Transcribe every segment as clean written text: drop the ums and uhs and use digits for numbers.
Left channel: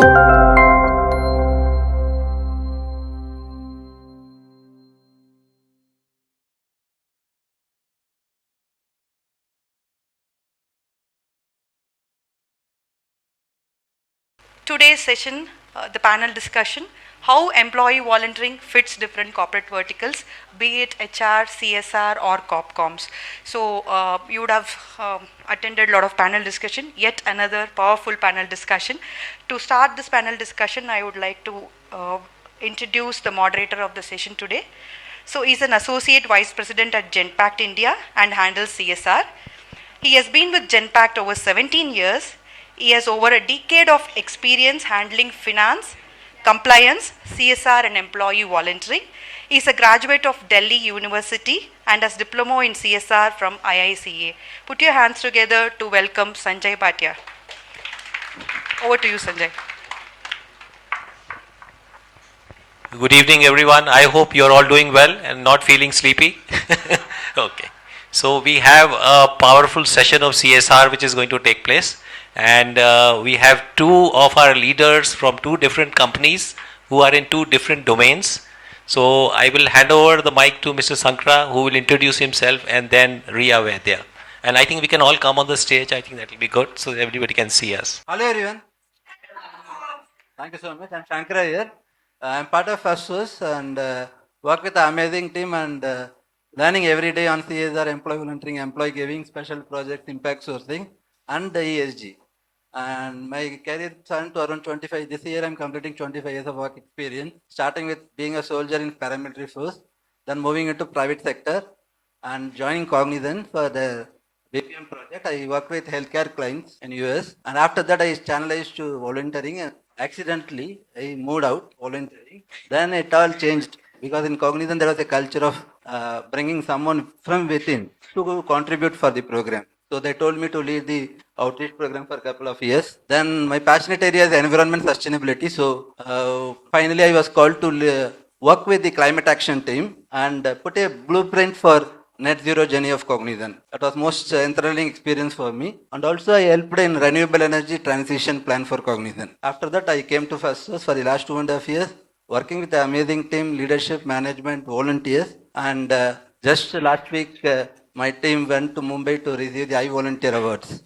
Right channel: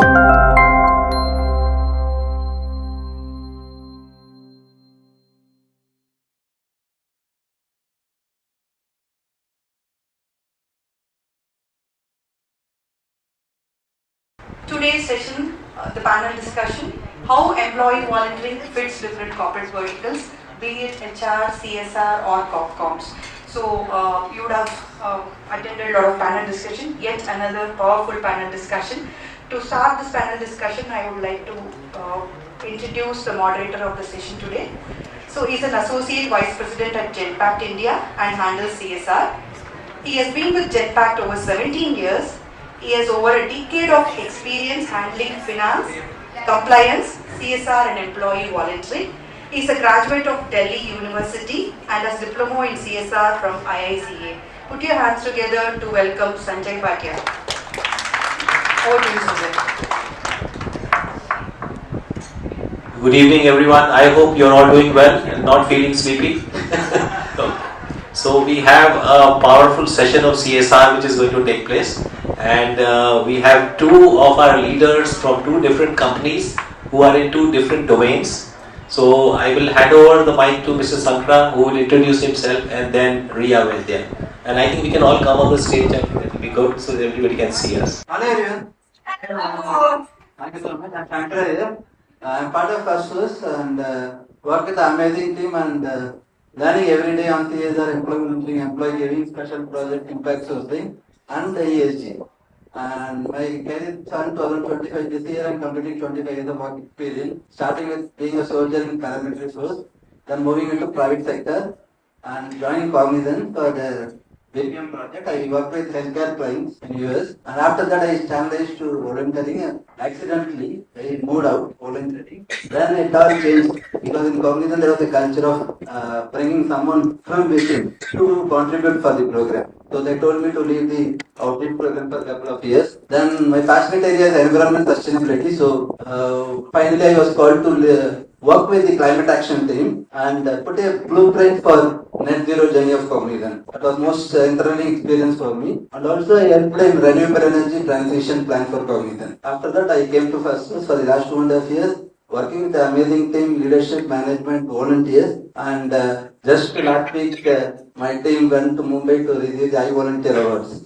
Today's session, the panel discussion, how employee volunteering fits different corporate verticals, be it HR, CSR or Corp Comms. So you would have attended a lot of panel discussion, yet another powerful panel discussion. To start this panel discussion, I would like to introduce the moderator of the session today. So he's an Associate Vice President at Genpact India and handles CSR. He has been with Genpact over 17 years. He has over a decade of experience handling finance, compliance, CSR and employee volunteering. He is a graduate of Delhi University and has diploma in CSR from IICA. Put your hands together to welcome Sanjay Bhatia. Over to you, Sanjay. Good evening, everyone. I hope you're all doing well and not feeling sleepy. Okay. So we have a powerful session of CSR which is going to take place, and we have two of our leaders from two different companies who are in two different domains. So I will hand over the mic to Mr. Sankara, who will introduce himself, and then Ria Vaidya. And I think we can all come on the stage. I think that will be good so that everybody can see us. Hello everyone. Thank you so much. I'm Sankara here. I'm part of Firstsource and work with the amazing team and learning every day on CSR, employee volunteering, employee giving, special project, impact sourcing, and the ESG. And my career turned to around 25. This year I'm completing 25 years of work experience, starting with being a soldier in paramilitary force, then moving into private sector and joining Cognizant for the BPM project. I work with healthcare clients in US, and after that I channelized to volunteering. Accidentally, I moved out volunteering. Then it all changed because in Cognizant there was a culture of bringing someone from within to contribute for the program. So they told me to lead the outreach program for a couple of years. Then my passionate area is environment sustainability. So finally I was called to work with the climate action team and put a blueprint for net zero journey of Cognizant. That was most enthralling experience for me. And also I helped in renewable energy transition plan for Cognizant. After that I came to Firstsource for the last 2.5 years, working with the amazing team, leadership, management, volunteers. And just last week my team went to Mumbai to receive the iVolunteer Awards.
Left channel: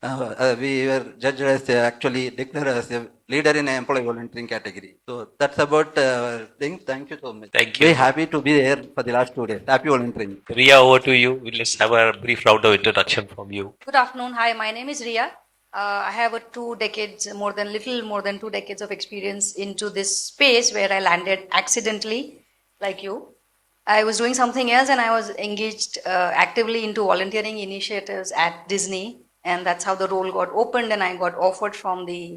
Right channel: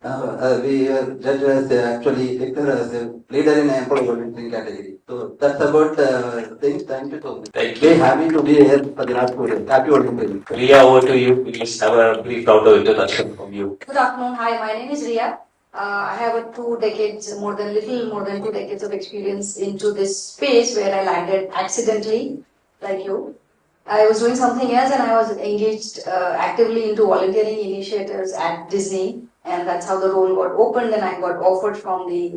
We were judged as actually declared as a leader in employee volunteering category. So that's about things. Thank you so much. Thank you. Very happy to be here for the last 2 days. Happy volunteering. Ria, over to you. We'll just have a brief round of introduction from you. Good afternoon. Hi, my name is Ria. I have little more than 2 decades of experience into this space where I landed accidentally, like you. I was doing something else and I was engaged actively into volunteering initiatives at Disney, and that's how the role got opened, and I got offered from the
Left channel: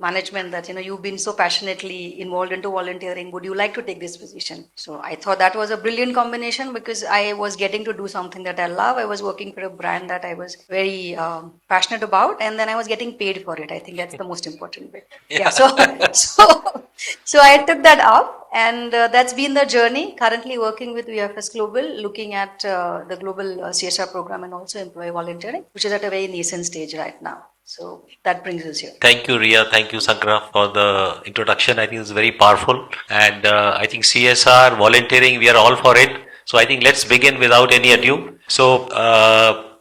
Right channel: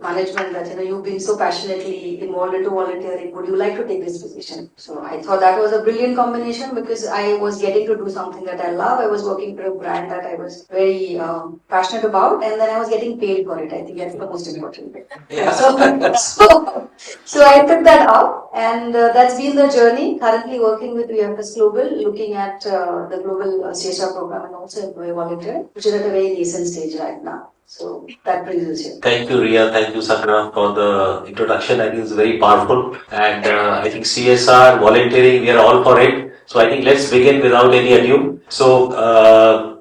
management that, you've been so passionately involved into volunteering, would you like to take this position? So I thought that was a brilliant combination because I was getting to do something that I love. I was working for a brand that I was very passionate about, and then I was getting paid for it. I think that's the most important bit. Yeah. So I took that up, and that's been the journey. Currently working with VFS Global, looking at the global CSR program and also employee volunteering, which is at a very nascent stage right now. So that brings us here. Thank you, Ria. Thank you, Sankara, for the introduction. I think it's very powerful. And I think CSR, volunteering, we are all for it. So I think let's begin without any ado. So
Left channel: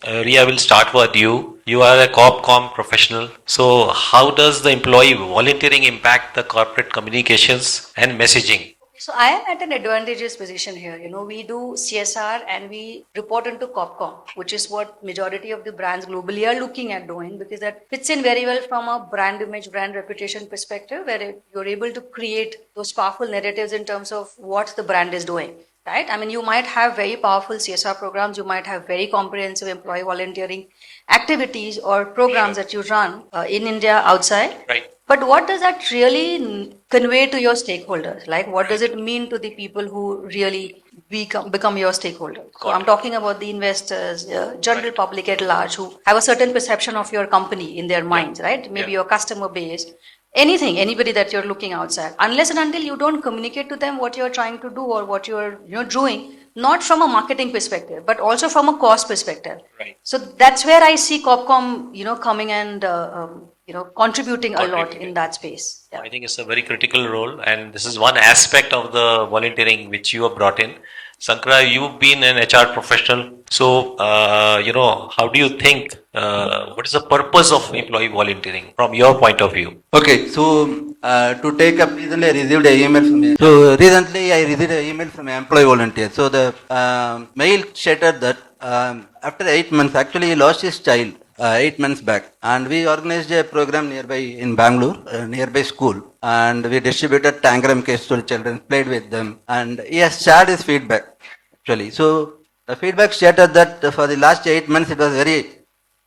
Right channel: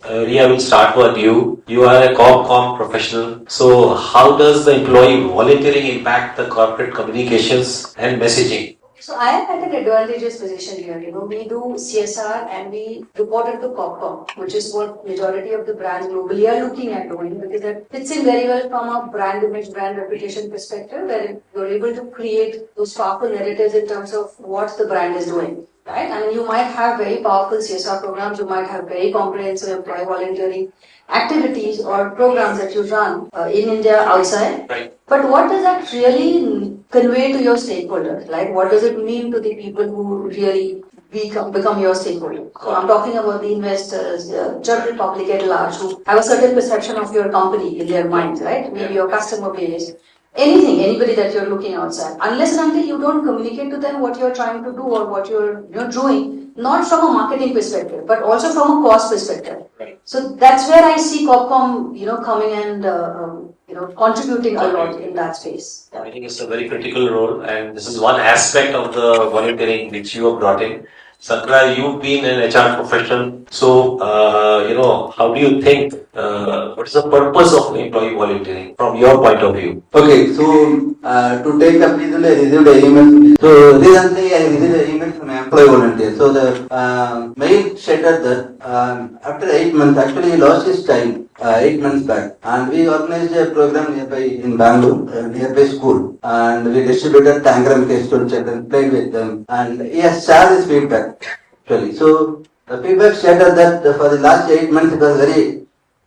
Ria, will start with you. You are a Corp Comm professional. So how does the employee volunteering impact the corporate communications and messaging? So I am at an advantageous position here. We do CSR and we report into Corp Comm, which is what majority of the brands globally are looking at doing, because that fits in very well from a brand image, brand reputation perspective, where you're able to create those powerful narratives in terms of what the brand is doing. Right? I mean, you might have very powerful CSR programs, you might have very comprehensive employee volunteering activities or programs that you run in India, outside. Right. But what does that really convey to your stakeholders? Like, what does it mean to the people who really become your stakeholders? So I'm talking about the investors, the general public at large, who have a certain perception of your company in their minds, right? Maybe your customer base. Anybody that you're looking outside, unless and until you don't communicate to them what you're trying to do or what you're doing, not from a marketing perspective, but also from a cost perspective. Right. So that's where I see Corp Comm, coming and contributing a lot in that space. I think it's a very critical role, and this is one aspect of the volunteering which you have brought in. Sankara, you've been an HR professional, so how do you think? What is the purpose of employee volunteering from your point of view? Okay, so to take up, recently I received an email from recently I received an email from an employee volunteer. So the mail stated that after 8 months, actually he lost his child 8 months back, and we organized a program nearby in Bangalore, nearby school, and we distributed tangram case to children, played with them, and he has shared his feedback actually. So the feedback stated that for the last 8 months it was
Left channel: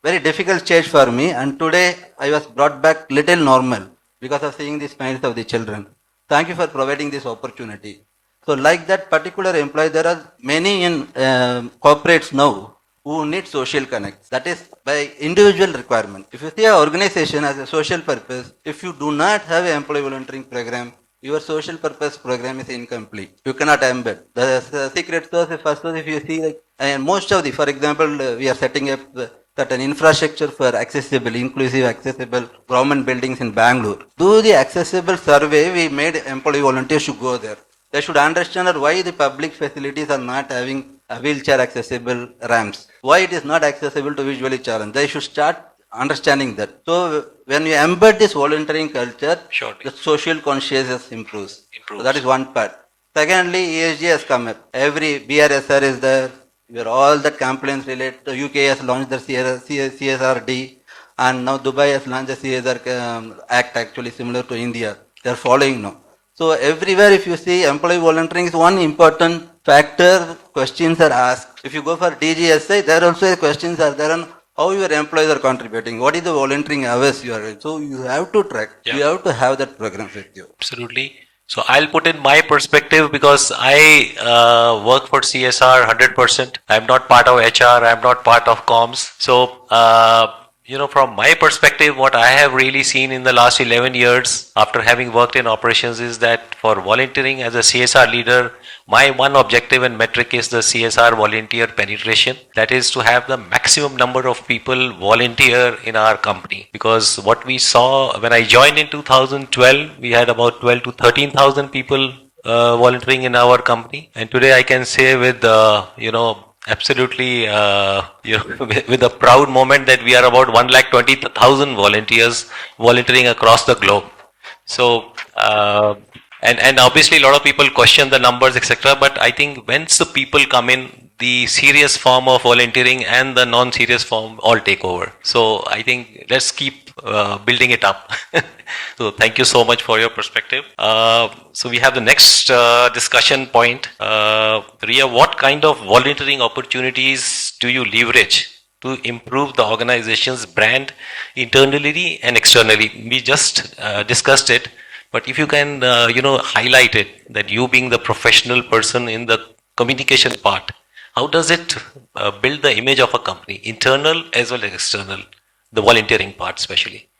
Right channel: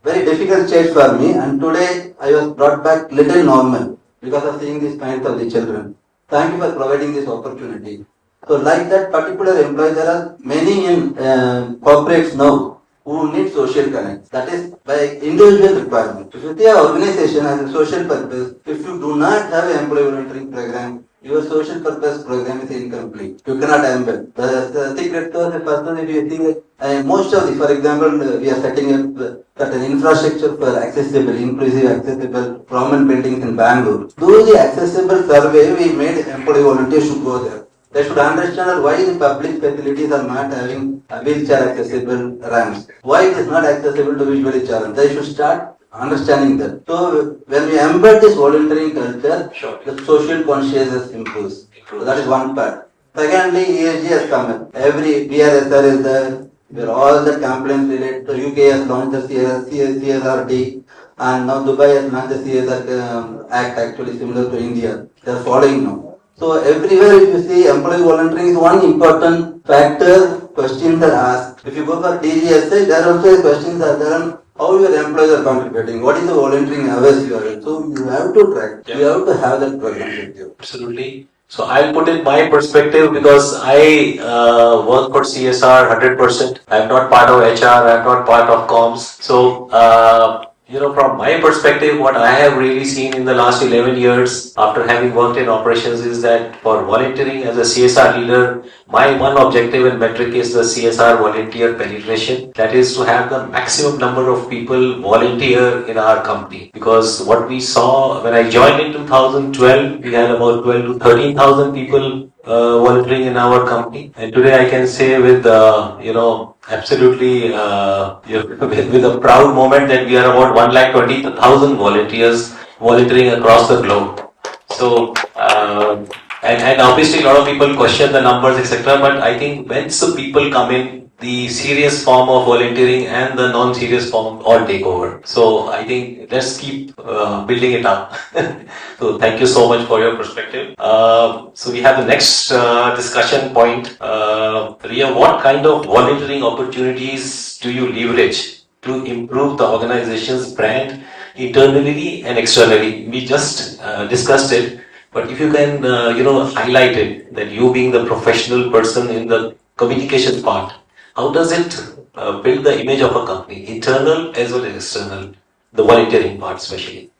very difficult stage for me, and today I was brought back little normal because of seeing the smiles of the children. Thank you for providing this opportunity. So like that particular employee, there are many in corporates now who need social connect. That is by individual requirement. If you see an organization as a social purpose, if you do not have an employee volunteering program, your social purpose program is incomplete. You cannot embed. The secret sauce is first, if you see most of the, for example, we are setting up certain infrastructure for accessible, inclusive, accessible government buildings in Bangalore. Do the accessible survey, we made employee volunteers should go there. They should understand why the public facilities are not having wheelchair accessible ramps. Why it is not accessible to visually challenged. They should start understanding that. So when we embed this volunteering culture, the social consciousness improves. So that is one part. Secondly, ESG has come up. Every BRSR is there. Where all the complaints related. The UK has launched the CSRD, and now Dubai has launched the CSR Act, actually similar to India. They are following now. So everywhere, if you see, employee volunteering is one important factor. Questions are asked. If you go for DGSI, there also questions are there on how your employees are contributing. What is the volunteering hours you are in? So you have to track. You have to have that program with you. Absolutely. So I'll put in my perspective because I work for CSR 100%. I'm not part of HR. I'm not part of comms. So from my perspective, what I have really seen in the last 11 years after having worked in operations is that for volunteering as a CSR leader, my one objective and metric is the CSR volunteer penetration. That is to have the maximum number of people volunteer in our company. Because what we saw when I joined in 2012, we had about 12 to 13,000 people volunteering in our company. And today I can say with absolutely with a proud moment that we are about 120,000 volunteers volunteering across the globe. So and obviously a lot of people question the numbers, etc. But I think once the people come in, the serious form of volunteering and the non-serious form all take over. So I think let's keep building it up. So thank you so much for your perspective. So we have the next discussion point. Ria, what kind of volunteering opportunities do you leverage to improve the organization's brand internally and externally? We just discussed it, but if you can, highlight it, that you being the professional person in the communication part, how does it build the image of a company, internal as well as external, the volunteering part especially?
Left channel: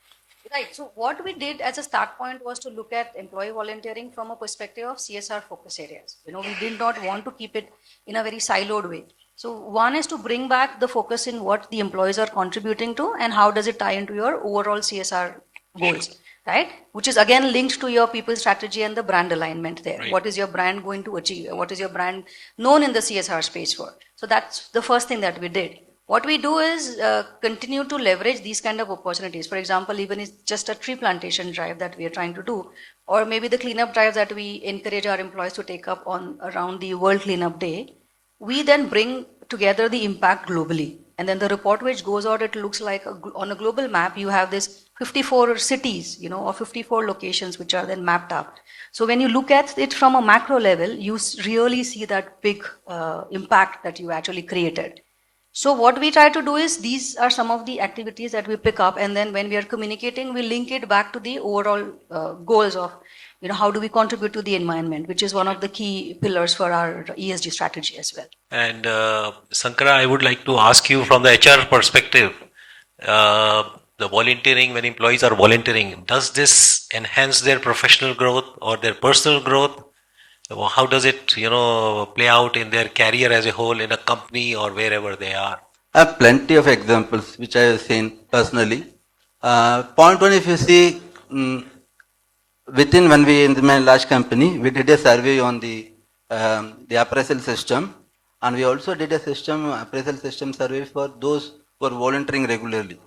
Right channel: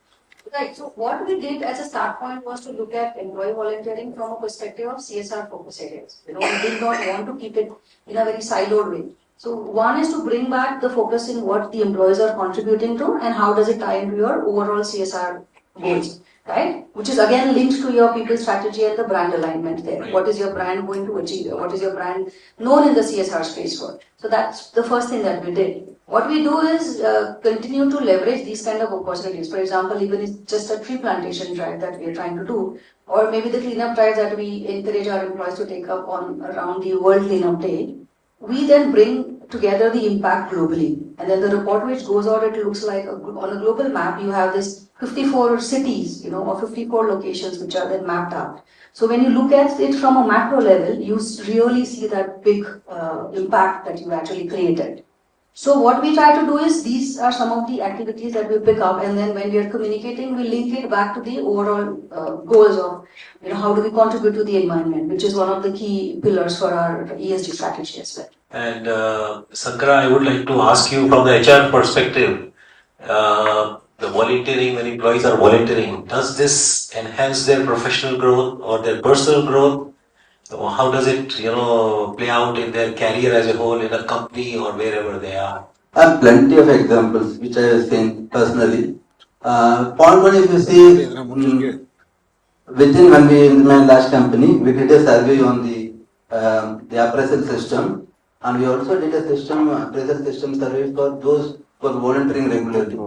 Right. So what we did as a start point was to look at employee volunteering from a perspective of CSR focus areas. We did not want to keep it in a very siloed way. So one is to bring back the focus in what the employees are contributing to and how does it tie into your overall CSR goals. Right? Which is again linked to your people strategy and the brand alignment there. Right. What is your brand going to achieve? What is your brand known in the CSR space for? So that's the first thing that we did. What we do is continue to leverage these kind of opportunities. For example, even it's just a tree plantation drive that we are trying to do, or maybe the cleanup drives that we encourage our employees to take up on around the World Cleanup Day. We then bring together the impact globally. And then the report which goes out, it looks like on a global map, you have this 54 cities, or 54 locations which are then mapped out. So when you look at it from a macro level, you really see that big impact that you actually created. So what we try to do is these are some of the activities that we pick up, and then when we are communicating, we link it back to the overall goals of how do we contribute to the environment, which is one of the key pillars for our ESG strategy as well. And Sankara, I would like to ask you from the HR perspective, the volunteering, when employees are volunteering, does this enhance their professional growth or their personal growth? How does it, play out in their career as a whole in a company or wherever they are? I have plenty of examples which I have seen personally. Point one, if you see, within when we in my last company, we did a survey on the appraisal system, and we also did a appraisal system survey for those who are volunteering regularly.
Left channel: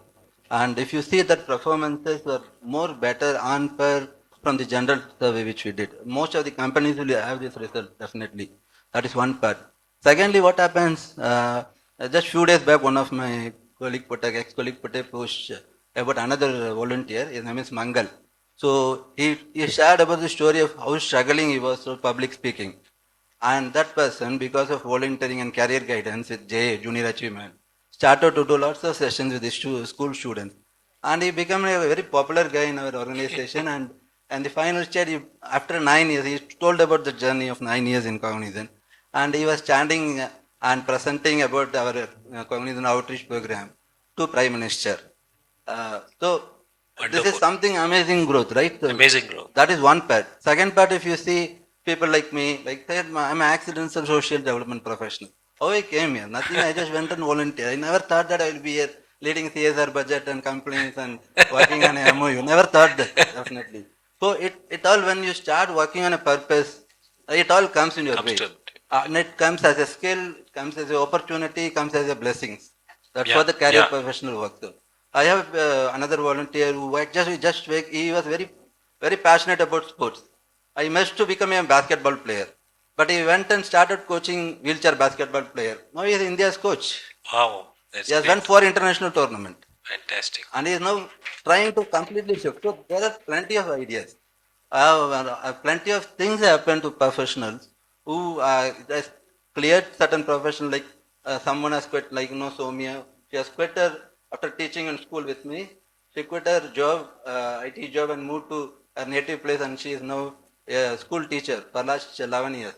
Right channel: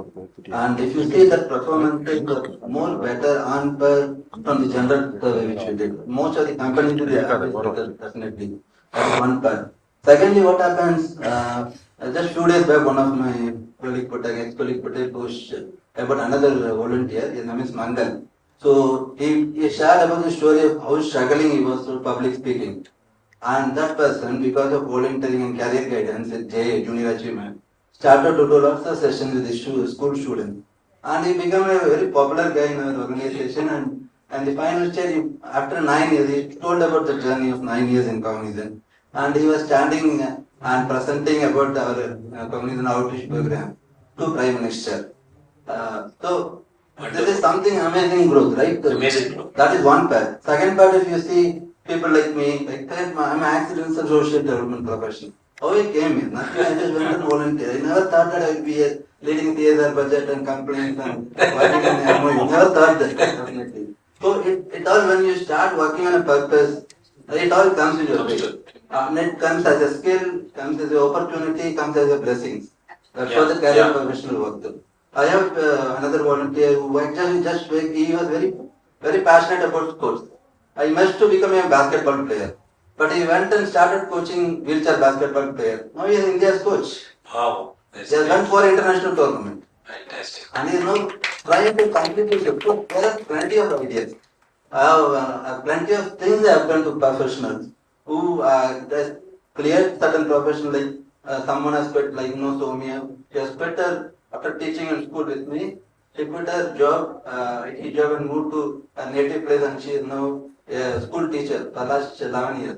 And if you see that performances were more better on per from the general survey which we did. Most of the companies will have this result, definitely. That's one part. Secondly, what happens? Just few days back, one of my ex-colleague put a post about another volunteer. His name is Mangal. So he shared about the story of how struggling he was for public speaking. And that person, because of volunteering and career guidance with JA, Junior Achievement, started to do lots of sessions with the school students. And he became a very popular guy in our organization. And the final stage, after 9 years, he told about the journey of 9 years in Cognizant. And he was standing and presenting about our Cognizant outreach program to Prime Minister. So this is something amazing growth, right? Amazing growth. That is one part. Second part, if you see people like me, like that, I'm an accidental social development professional. How I came here? Nothing. I just went and volunteered. I never thought that I will be here leading CSR budget and complaints and working on an MOU. Never thought that, definitely. So it all, when you start working on a purpose, it all comes in your way. And it comes as a skill, comes as an opportunity, comes as a blessings. That's what the career professional work does. I have another volunteer who he was very passionate about sports. I must to become a basketball player, but he went and started coaching wheelchair basketball player. Now he is India's coach. Wow, He has went for international tournament. Fantastic. And he is now trying to complete his effort. There are plenty of ideas. Plenty of things happen to professionals who just cleared certain profession, like someone has quit, like Soumya. She has quit her after teaching in school with me. She quit her job, IT job, and moved to her native place, and she is now a school teacher for last 11 years.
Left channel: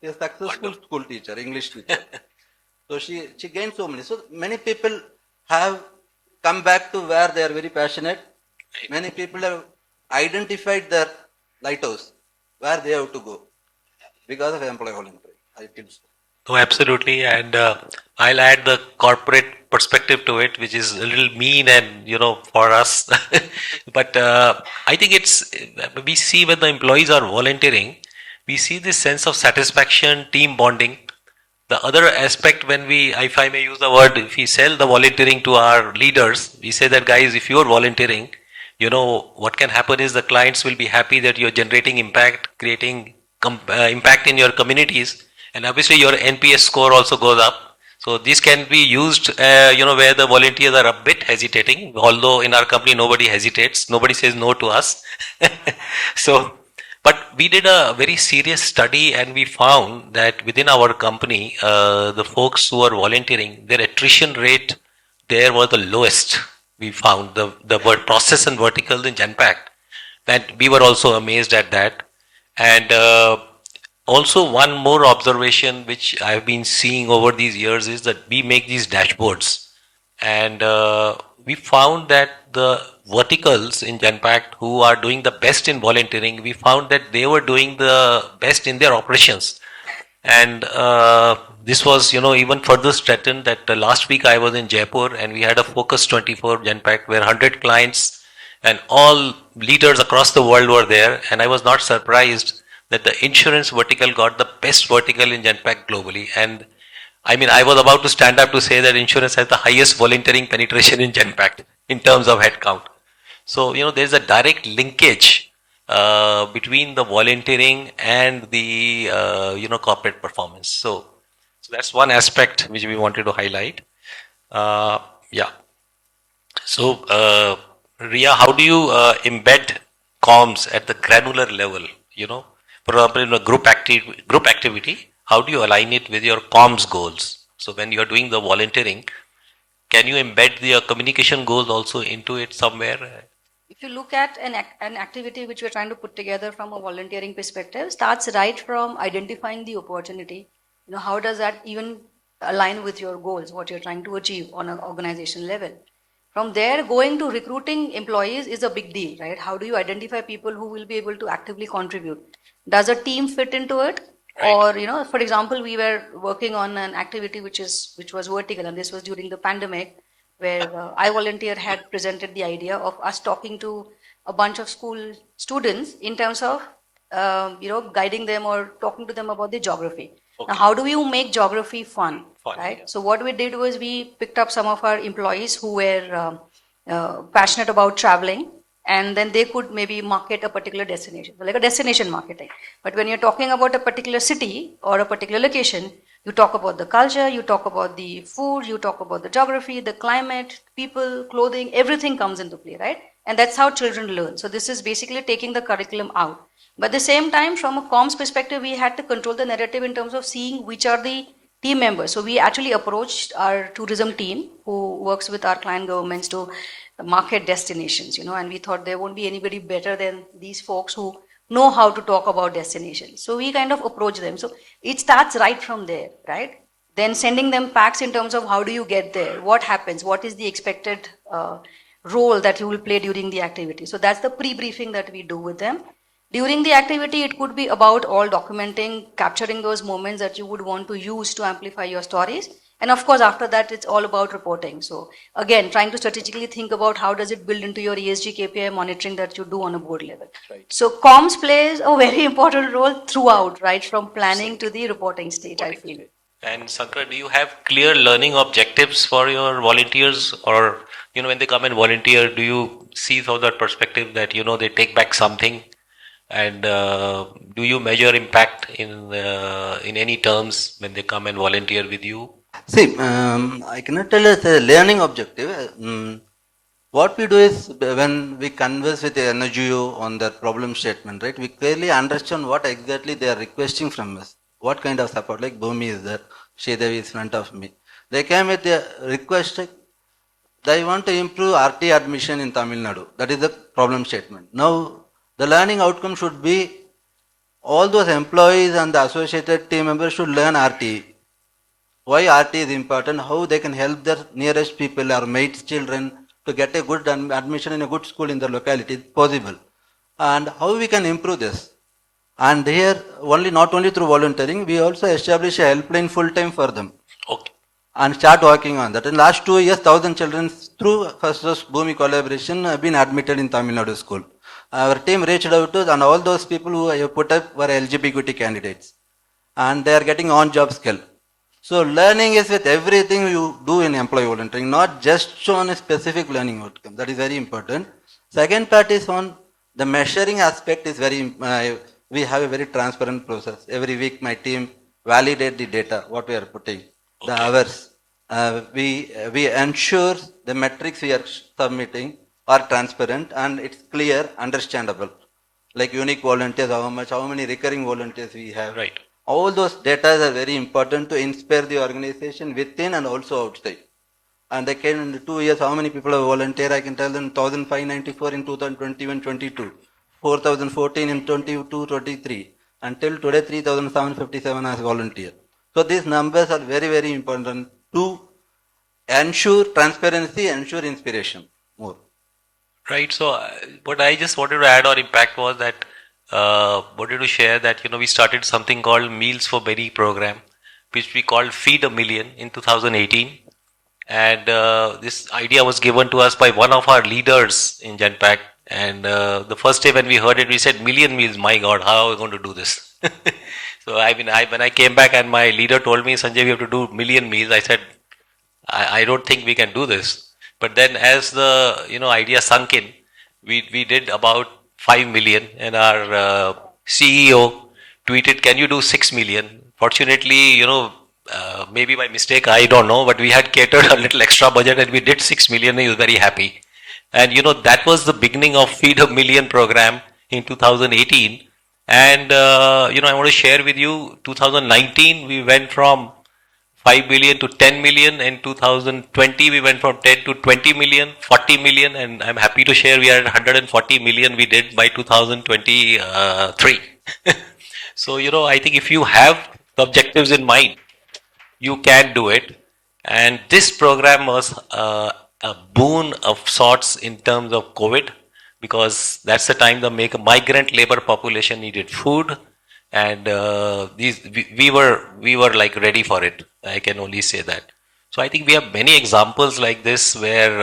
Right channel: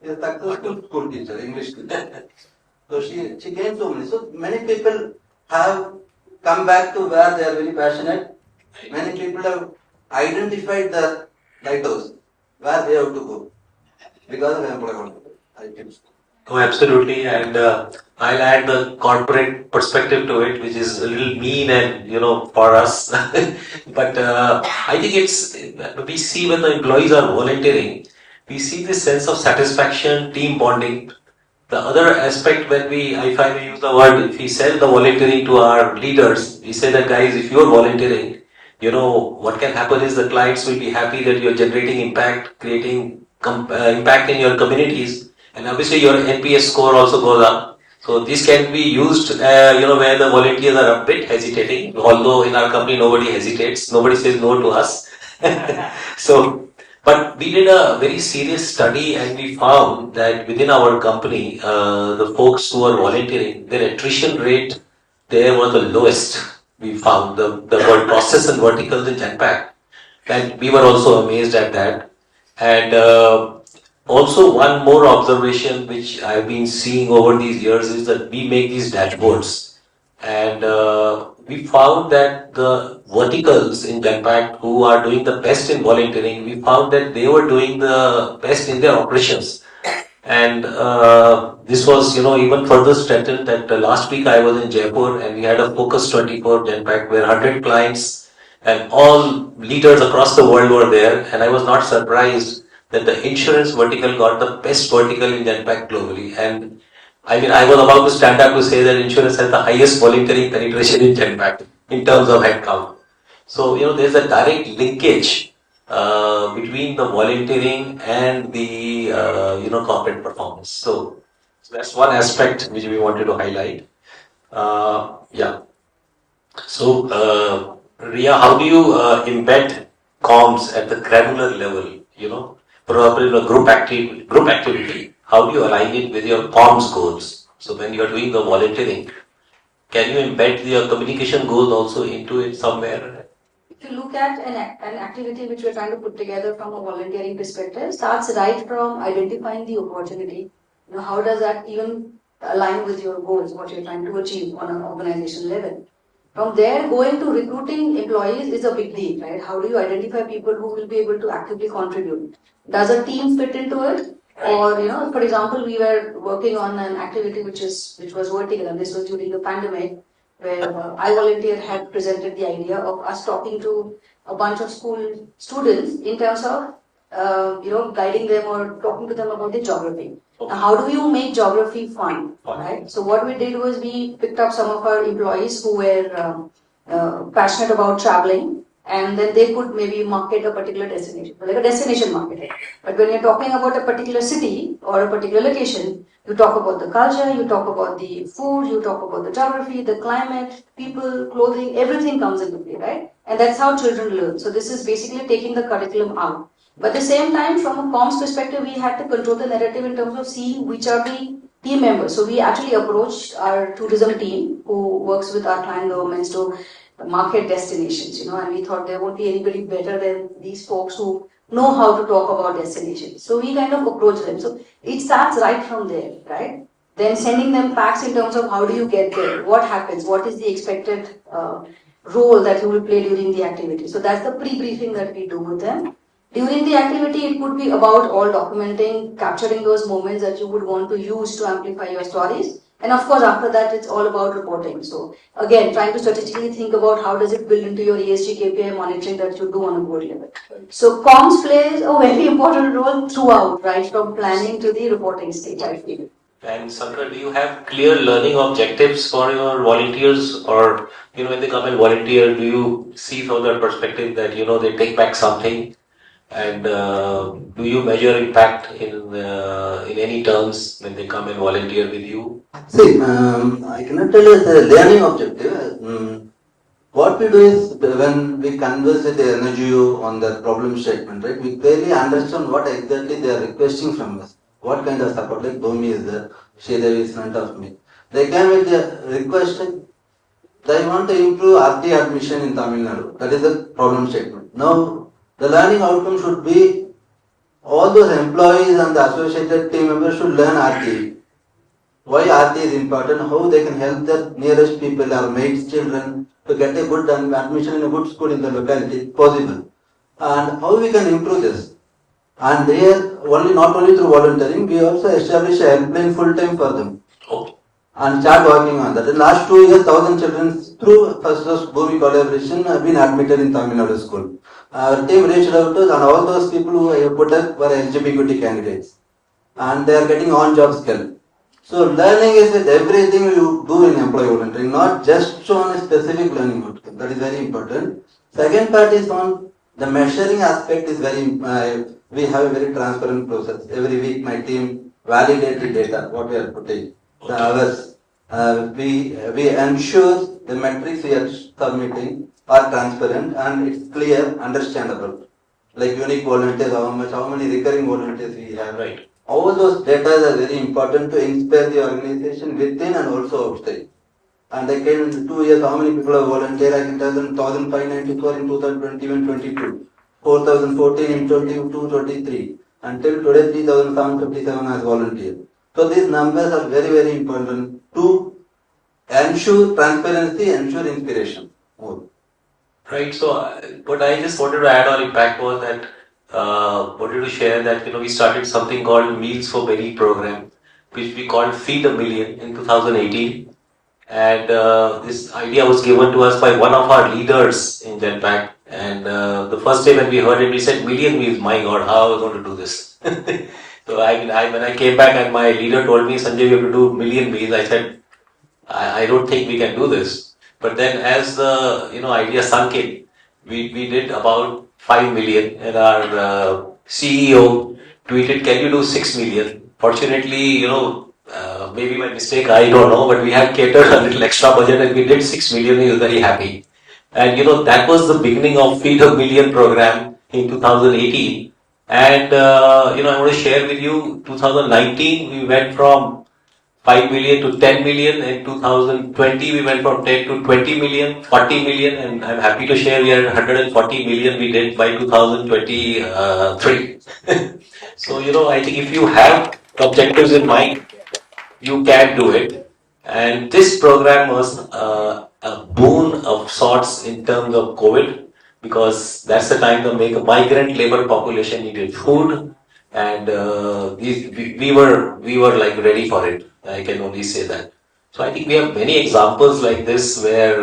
She is a successful school teacher, English teacher. So she gained so many. So many people have come back to where they are very passionate. Many people have identified the lighthouse where they have to go because of employment. Oh, absolutely. And I'll add the corporate perspective to it, which is a little mean and, for us. But I think we see when the employees are volunteering, we see this sense of satisfaction, team bonding. The other aspect, if I may use the word, if we sell the volunteering to our leaders, we say that, guys, if you're volunteering, what can happen is the clients will be happy that you're generating impact, creating impact in your communities, and obviously your NPS score also goes up. So this can be used, where the volunteers are a bit hesitating, although in our company nobody hesitates, nobody says no to us. But we did a very serious study and we found that within our company, the folks who are volunteering, their attrition rate there was the lowest. We found the word process and vertical in Genpact, and we were also amazed at that. And also one more observation which I've been seeing over these years is that we make these dashboards, and we found that the verticals in Genpact who are doing the best in volunteering, we found that they were doing the best in their operations. And this was, even further strengthened that last week I was in Jaipur and we had a Focus 24 Genpact where 100 clients and all leaders across the world were there. And I was not surprised that the insurance vertical got the best vertical in Genpact globally. And I was about to stand up to say that insurance has the highest volunteering penetration in Genpact in terms of headcount. So, there's a direct linkage between the volunteering and the corporate performance. So that's one aspect which we wanted to highlight. So Ria, how do you embed comms at the granular level? For in a group activity, how do you align it with your comms goals? So when you are doing the volunteering, can you embed your communication goals also into it somewhere? If you look at an activity which we're trying to put together from a volunteering perspective, starts right from identifying the opportunity. How does that even align with your goals, what you're trying to achieve on an organization level? From there, going to recruiting employees is a big deal, right? How do you identify people who will be able to actively contribute? Does a team fit into it? Right. Or, for example, we were working on an activity which was vertical, and this was during the pandemic, where I Volunteer had presented the idea of us talking to a bunch of school students in terms of guiding them or talking to them about the geography. Okay. Now, how do you make geography fun, Fun, right? yeah. So what we did was we picked up some of our employees who were passionate about traveling, and then they could maybe market a particular destination, like a destination marketing. But when you're talking about a particular city or a particular location, you talk about the culture, you talk about the food, you talk about the geography, the climate, people, clothing, everything comes into play, right? And that's how children learn. So this is basically taking the curriculum out. But at the same time, from a comms perspective, we had to control the narrative in terms of seeing which are the team members. So we actually approached our tourism team who works with our client governments to market destinations, and we thought there won't be anybody better than these folks who know how to talk about destinations. So we kind of approach them. So it starts right from there, right? Then sending them facts in terms of how do you get there, what happens, what is the expected role that you will play during the activity. So that's the pre-briefing that we do with them. During the activity, it could be about all documenting, capturing those moments that you would want to use to amplify your stories. And of course, after that, it's all about reporting. So again, trying to strategically think about how does it build into your ESG KPI monitoring that you do on a board level. Right. So comms plays a very important role throughout, right, from planning to the reporting stage, I feel. And Sankara, do you have clear learning objectives for your volunteers, or when they come and volunteer, do you see from that perspective that they take back something, and do you measure impact in any terms when they come and volunteer with you? See, I cannot tell us a learning objective. What we do is when we converse with the NGO on the problem statement, right, we clearly understand what exactly they are requesting from us. What kind of support, like Bhumi is there, Sridevi is in front of me. They came with the request, they want to improve RT admission in Tamil Nadu. That is the problem statement. Now, the learning outcome should be all those employees and the associated team members should learn RT. Why RT is important, how they can help their nearest people or mates' children to get a good admission in a good school in the locality possible. And how we can improve this. And here, not only through volunteering, we also establish a helpline full time for them. Okay. And start working on that. In the last 2 years, 1,000 children through Firstsource Bhumi collaboration have been admitted in Tamil Nadu school. Our team reached out to and all those people who I put up were LGBT candidates. And they are getting on-job skill. So learning is with everything you do in employee volunteering, not just on a specific learning outcome. That is very important. Second part is on the measuring aspect is very, we have a very transparent process. Every week my team validate the data, what we are putting, the hours. We ensure the metrics we are submitting are transparent and it's clear, understandable. Like unique volunteers, how many recurring volunteers we have. Right. All those data are very important to inspire the organization within and also outside. And they came in 2 years, how many people have volunteered? I can tell them 1,594 in 2021-22, 4,014 in 22-23, until today 3,757 as volunteers. So these numbers are very, very important to ensure transparency, ensure inspiration more. Right. So what I just wanted to add on impact was that wanted to share that we started something called Meals for Many program, which we called Feed a Million in 2018. And this idea was given to us by one of our leaders in Genpact. And the first day when we heard it, we said, million meals, my God, how are we going to do this? So when I came back and my leader told me, Sanjay, we have to do million meals, I said, I don't think we can do this. But then as the idea sunk in, we did about 5 million, and our CEO tweeted, can you do 6 million? Fortunately, maybe by mistake, I don't know, but we had catered a little extra budget and we did 6 million. He was very happy. And that was the beginning of Feed a Million program in 2018. And I want to share with you, 2019 we went from 5 million to 10 million. In 2020 we went from 10 to 20 million, 40 million, and I'm happy to share we are at 140 million we did by 2023. So I think if you have objectives in mind, you can do it. And this program was a boon of sorts in terms of COVID, because that's the time the migrant labor population needed food, and we were like ready for it. I can only say that. So I think we have many examples like this where,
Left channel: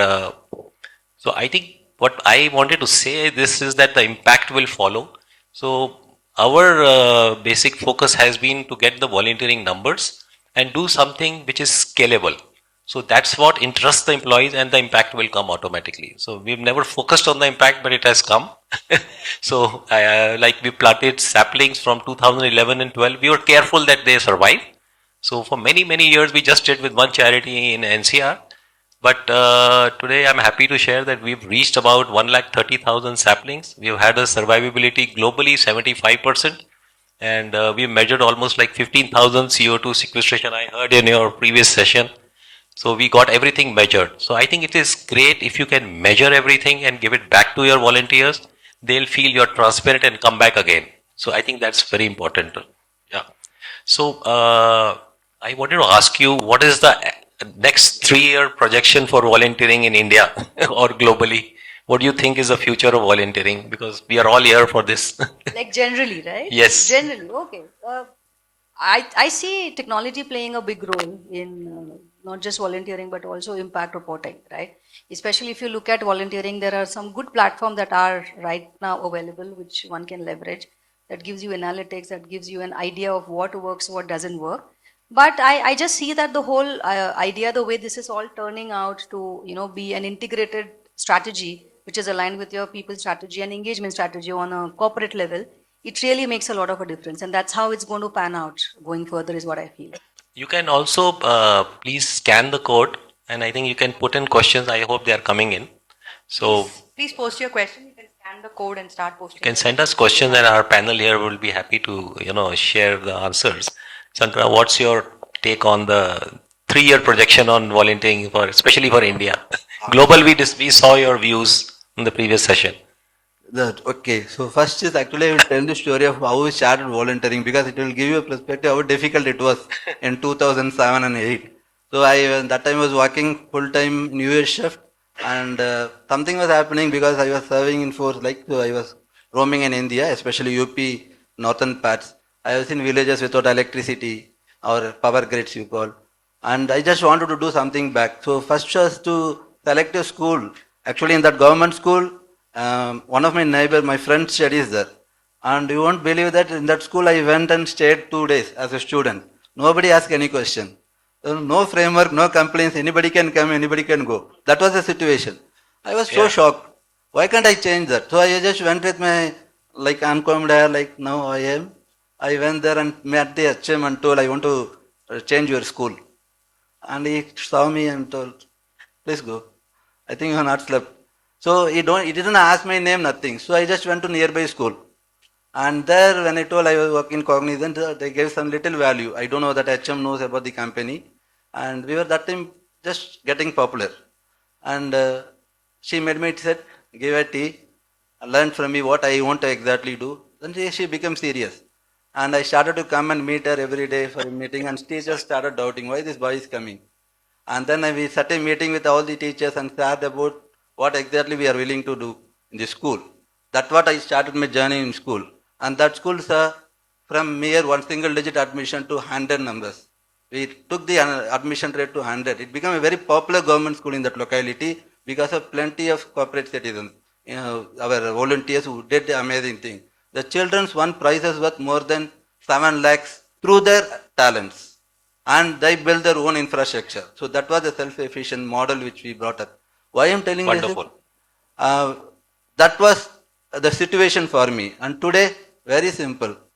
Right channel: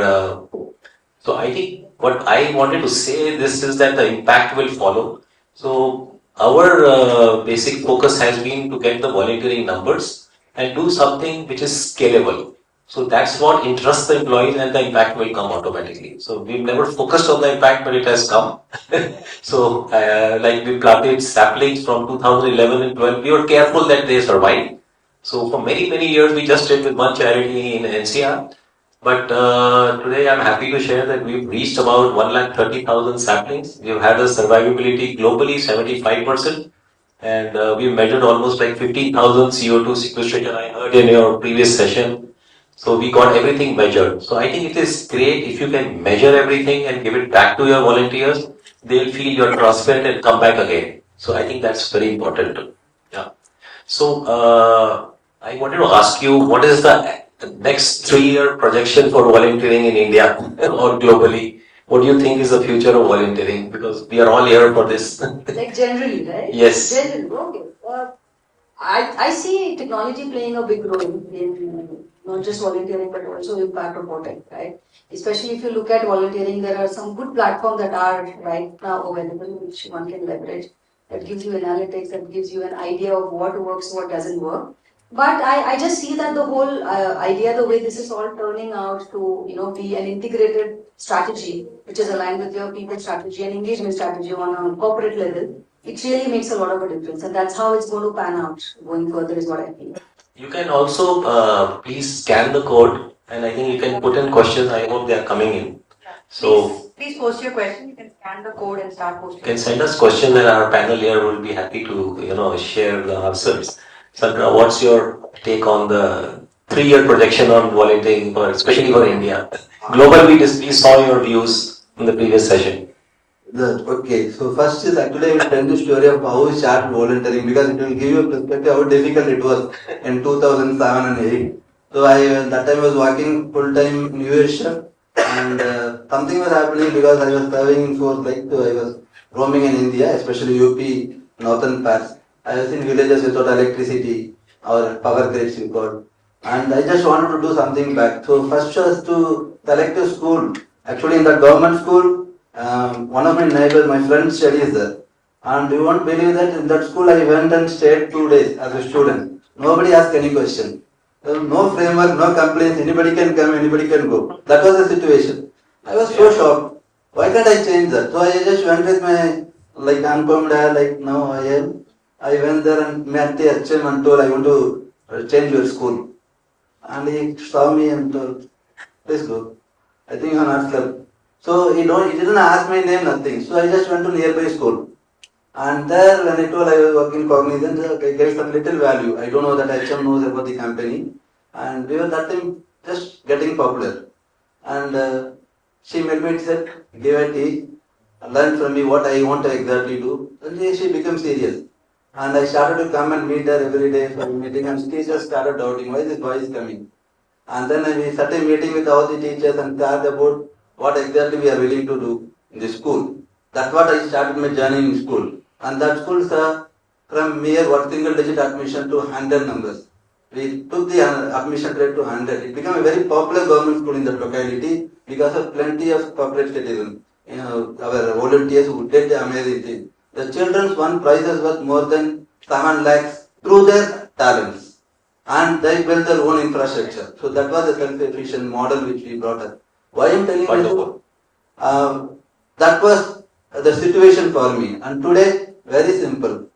so I think what I wanted to say this is that the impact will follow. So our basic focus has been to get the volunteering numbers and do something which is scalable. So that's what interests the employees and the impact will come automatically. So we've never focused on the impact, but it has come. So like we planted saplings from 2011 and 12. We were careful that they survive. So for many, many years, we just did with one charity in NCR. But today I'm happy to share that we've reached about 130,000 saplings. We've had a survivability globally 75%. And we've measured almost like 15,000 CO2 sequestration. I heard in your previous session. So we got everything measured. So I think it is great if you can measure everything and give it back to your volunteers. They'll feel you're transparent and come back again. So I think that's very important. Yeah. So I wanted to ask you, what is the next 3-year projection for volunteering in India or globally? What do you think is the future of volunteering? Because we are all here for this. Like generally, right? Yes. Generally, okay. I see technology playing a big role in not just volunteering but also impact reporting, right? Especially if you look at volunteering, there are some good platforms that are right now available which one can leverage. That gives you analytics, that gives you an idea of what works, what doesn't work. But I just see that the whole idea, the way this is all turning out to be an integrated strategy which is aligned with your people strategy and engagement strategy on a corporate level, it really makes a lot of a difference, and that's how it's going to pan out going further is what I feel. You can also please scan the code, and I think you can put in questions. I hope they are coming in. So Please post your question. You can scan the code and start posting. you can send us questions, and our panel here will be happy to share the answers. Sankara, what's your take on the 3-year projection on volunteering, especially for India? Global, we saw your views in the previous session. Okay, so first is actually I will tell the story of how we started volunteering because it will give you a perspective how difficult it was in 2007 and 8. So that time I was working full-time New Year shift, and something was happening because I was serving in force, so I was roaming in India, especially UP, northern parts. I was in villages without electricity or power grids you got, and I just wanted to do something back. So first was to select a school. Actually in that government school, one of my neighbor, my friend studies there, and you won't believe that in that school I went and stayed 2 days as a student. Nobody asked any question. No framework, no complaints, anybody can come, anybody can go. That was the situation. I was so shocked. Why can't I change that? So I just went with my uncommon now I am. I went there and met the HM and told I want to change your school. And he saw me and told, please go. I think you are not slept. So he didn't ask my name, nothing. So I just went to nearby school. And there, when I told I was working Cognizant, they gave some little value. I don't know that HM knows about the company. And we were that time just getting popular. And she met me and said, give a tea, learn from me what I want to exactly do. Then she became serious. And I started to come and meet her every day for a meeting, and teachers started doubting why this boy is coming. And then we sat a meeting with all the teachers and talked about what exactly we are willing to do in the school. That's what I started my journey in school. And that school, sir, from mere one single digit admission to 100 numbers. We took the admission rate to 100. It became a very popular government school in that locality because of plenty of corporate citizens. Our volunteers who did the amazing thing. The children's won prizes worth more than 7 lakhs through their talents. And they built their own infrastructure. So that was a self-efficient model which we brought up. Why I am telling you this? That was the situation for me. And today, very simple.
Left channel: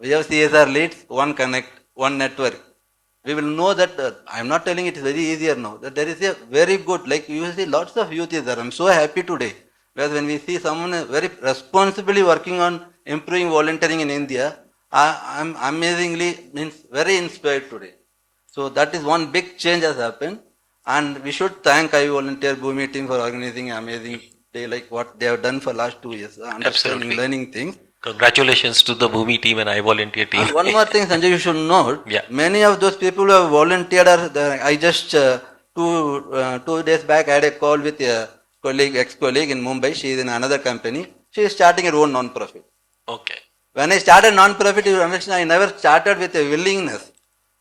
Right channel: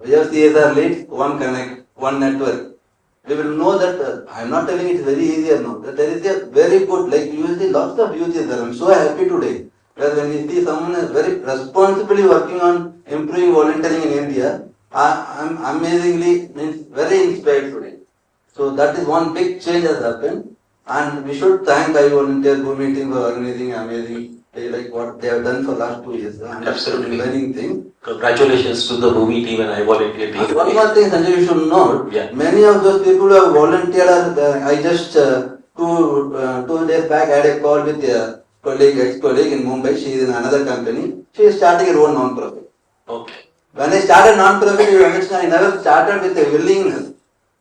We have CSR leads, one connect, one network. We will know that, I am not telling it's very easier now, that there is a very good, you will see lots of youth is there. I am so happy today. Because when we see someone very responsibly working on improving volunteering in India, I am amazingly very inspired today. So that is one big change has happened, and we should thank iVolunteer Bhumi team for organizing amazing day like what they have done for last 2 years. Absolutely. Learning things. Congratulations to the Bhumi team and iVolunteer team. And one more thing, Sanjay, you should note. Yeah. Many of those people who have volunteered I just 2 days back I had a call with a ex-colleague in Mumbai. She is in another company. She is starting her own non-profit. Okay. When I started non-profit, I never started with a willingness.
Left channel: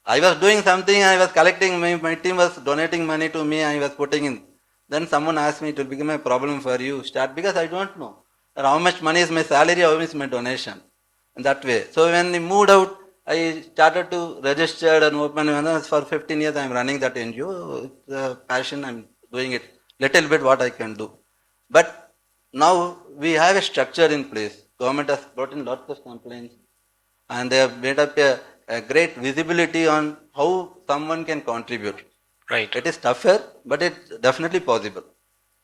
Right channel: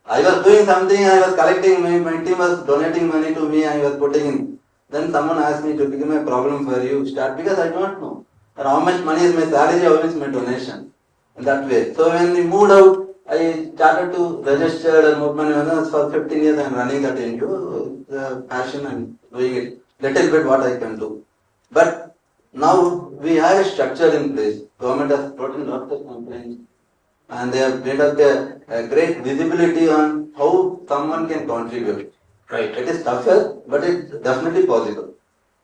I was doing something, I was collecting, my team was donating money to me, I was putting in. Then someone asked me to become a problem for you, start, because I don't know how much money is my salary, how much is my donation. In that way. So when we moved out, I started to register and open one. For 15 years I am running that NGO. The passion and doing it little bit what I can do. But now we have a structure in place. Government has brought in lots of complaints and they have made up a great visibility on how someone can contribute. Right. It is tougher, but it's definitely possible.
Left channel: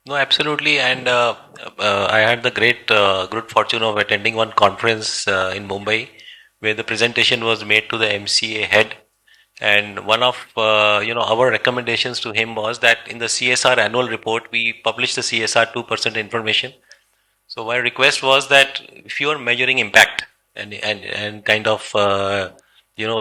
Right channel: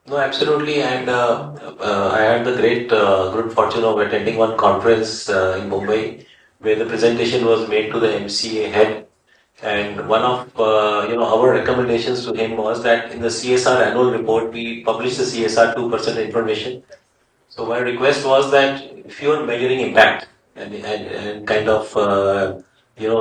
No, absolutely. And I had the great good fortune of attending one conference in Mumbai where the presentation was made to the MCA head. And one of our recommendations to him was that in the CSR annual report, we publish the CSR 2% information. So my request was that if you are measuring impact and kind of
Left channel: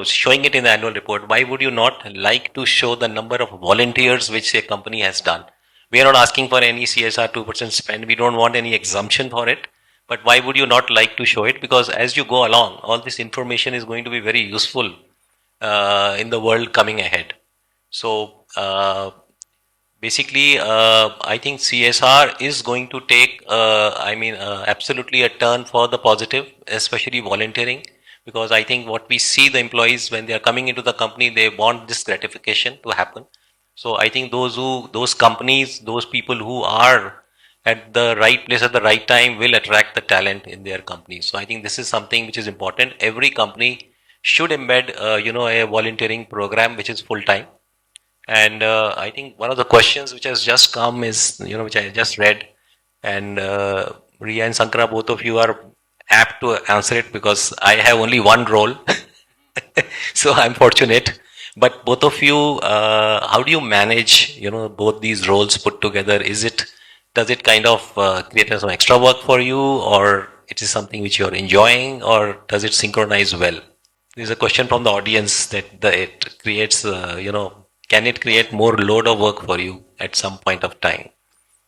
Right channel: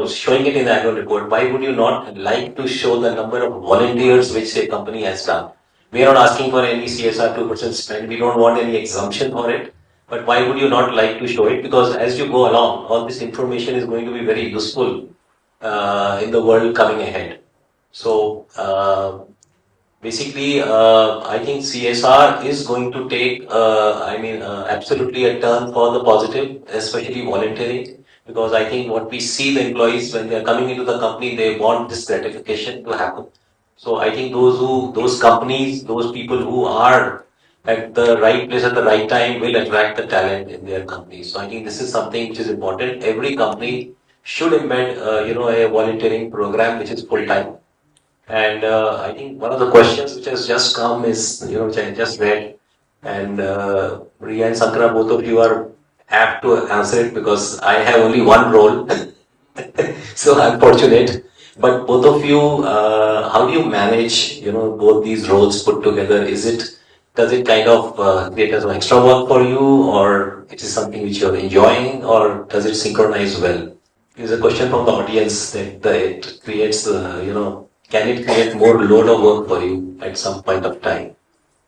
showing it in the annual report, why would you not like to show the number of volunteers which a company has done? We are not asking for any CSR 2% spend. We don't want any exemption for it. But why would you not like to show it? Because as you go along, all this information is going to be very useful in the world coming ahead. So basically, I think CSR is going to take, absolutely a turn for the positive, especially volunteering. Because I think what we see the employees when they are coming into the company, they want this gratification to happen. So I think those companies, those people who are at the right place at the right time will attract the talent in their companies. So I think this is something which is important. Every company should embed, a volunteering program which is full time. And I think one of the questions which has just come is, which I just read, and Ria and Sankara, both of you are apt to answer it because I have only one role, so I'm fortunate. But both of you, how do you manage, both these roles put together? Does it kind of create some extra work for you, or it is something which you're enjoying, or does it synchronize well? There's a question from the audience that it creates, can it create more load of work for you at some point of time?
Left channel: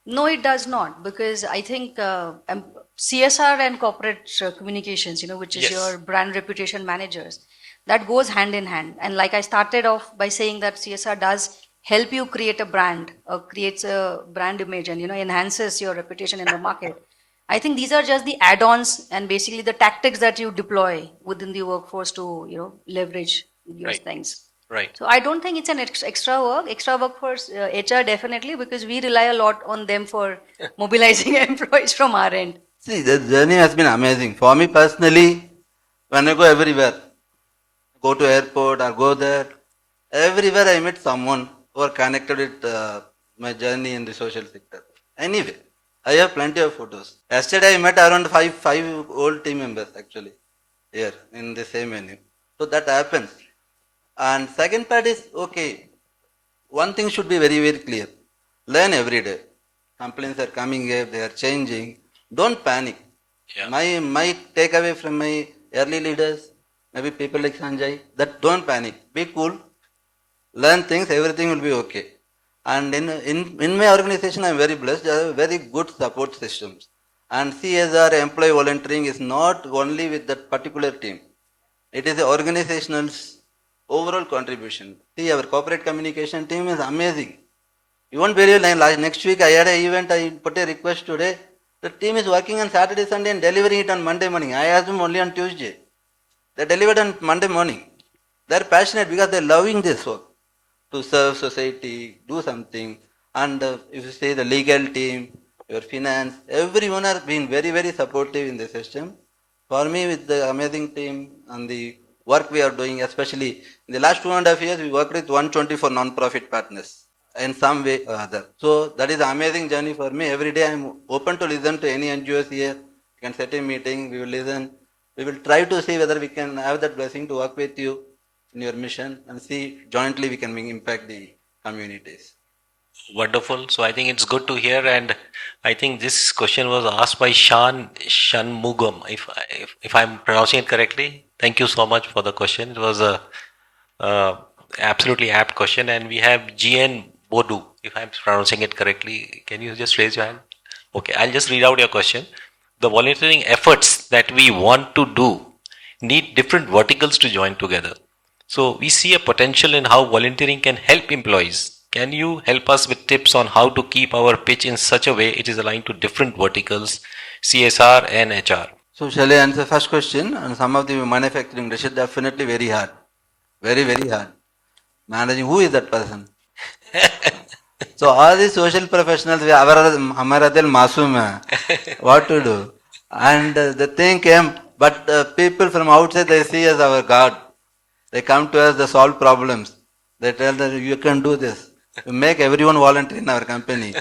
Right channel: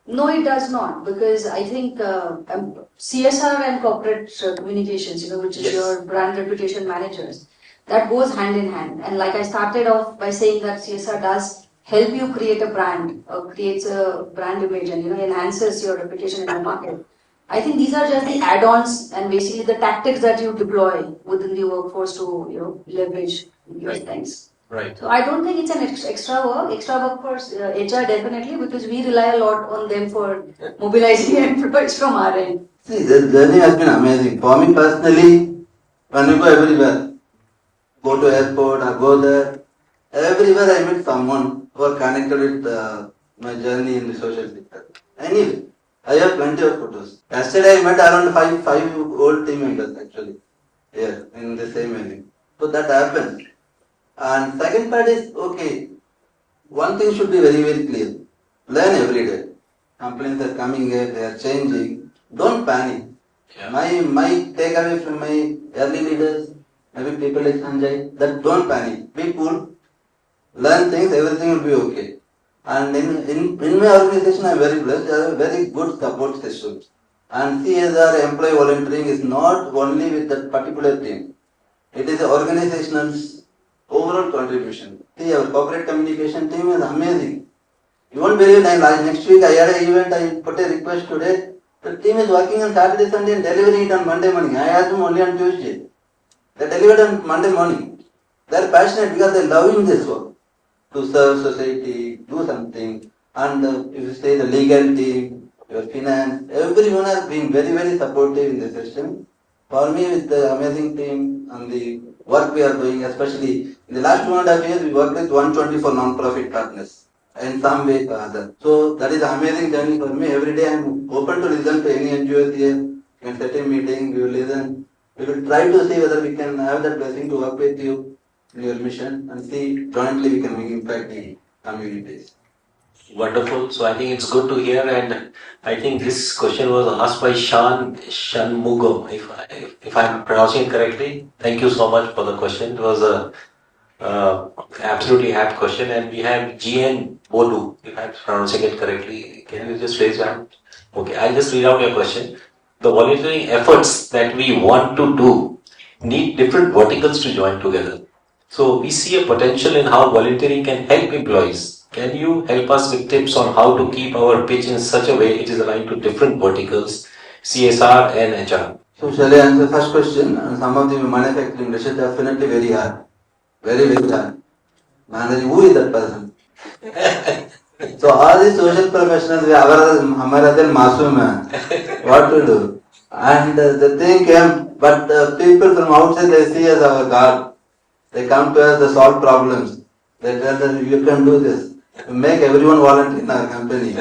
No, it does not, because I think CSR and corporate communications, which is Yes. your brand reputation managers, that goes hand in hand. And like I started off by saying that CSR does help you create a brand, creates a brand image, and enhances your reputation in the market. I think these are just the add-ons and basically the tactics that you deploy within the workforce to leverage these Right. things. Right. So I don't think it's an extra work for HR definitely, because we rely a lot on them for mobilizing employees from our end. See, the journey has been amazing. For me personally, when I go everywhere, go to airport or go there, everywhere I meet someone who are connected with my journey in the social sector. Anyway, I have plenty of photos. Yesterday I met around five old team members actually here in the same venue. So that happened. And second part is, okay, one thing should be very, very clear. Learn every day. Complaints are coming here, they are changing. Don't panic. Yeah. My takeaway from my early leaders, maybe people like Sanjay, that don't panic. Be cool. Learn things, everything will be okay. And in my organization, I am very blessed. I have very good support systems. And CSR, employee volunteering, is not only with that particular team. It is the organizational's overall contribution. See, our corporate communication team is amazing. You won't believe, next week I had an event, I put a request today. The team is working on Saturday, Sunday and delivering it on Monday morning. I asked them only on Tuesday. They delivered on Monday morning. They are passionate because they are loving this work. To serve society, do something. And if you say the legal team, your finance, everyone has been very, very supportive in the system. For me, with the amazing team and the work we are doing, especially in the last 2.5 years, we worked with 124 non-profit partners in some way or other. So that is an amazing journey for me. Every day I am open to listen to any NGOs here. You can set a meeting, we will listen. We will try to see whether we can have that blessing to work with you in your mission and see jointly we can impact the communities. Wonderful. So I think it's good to hear, and I think this question was asked by Shanmugam, if I'm pronouncing it correctly. Thank you so much for the question. It was a absolutely apt question, and we have GN Bodu, if I'm pronouncing it correctly. Can you just raise your hand? Okay, I'll just read out your question. The volunteering efforts that we want to do need different verticals to join together. So we see a potential in how volunteering can help employees. Can you help us with tips on how to keep our pitch in such a way it is aligned to different verticals, CSR and HR? So shall I answer first question? And some of the manufacturing industry definitely very hard. Very, very hard. Managing who is that person? So all these social professionals, हमारा दिल मासूम है. What to do? And the thing came, but people from outside they see as our God. They come to us to solve problems. They tell us you can do this. We make everyone volunteer in our company.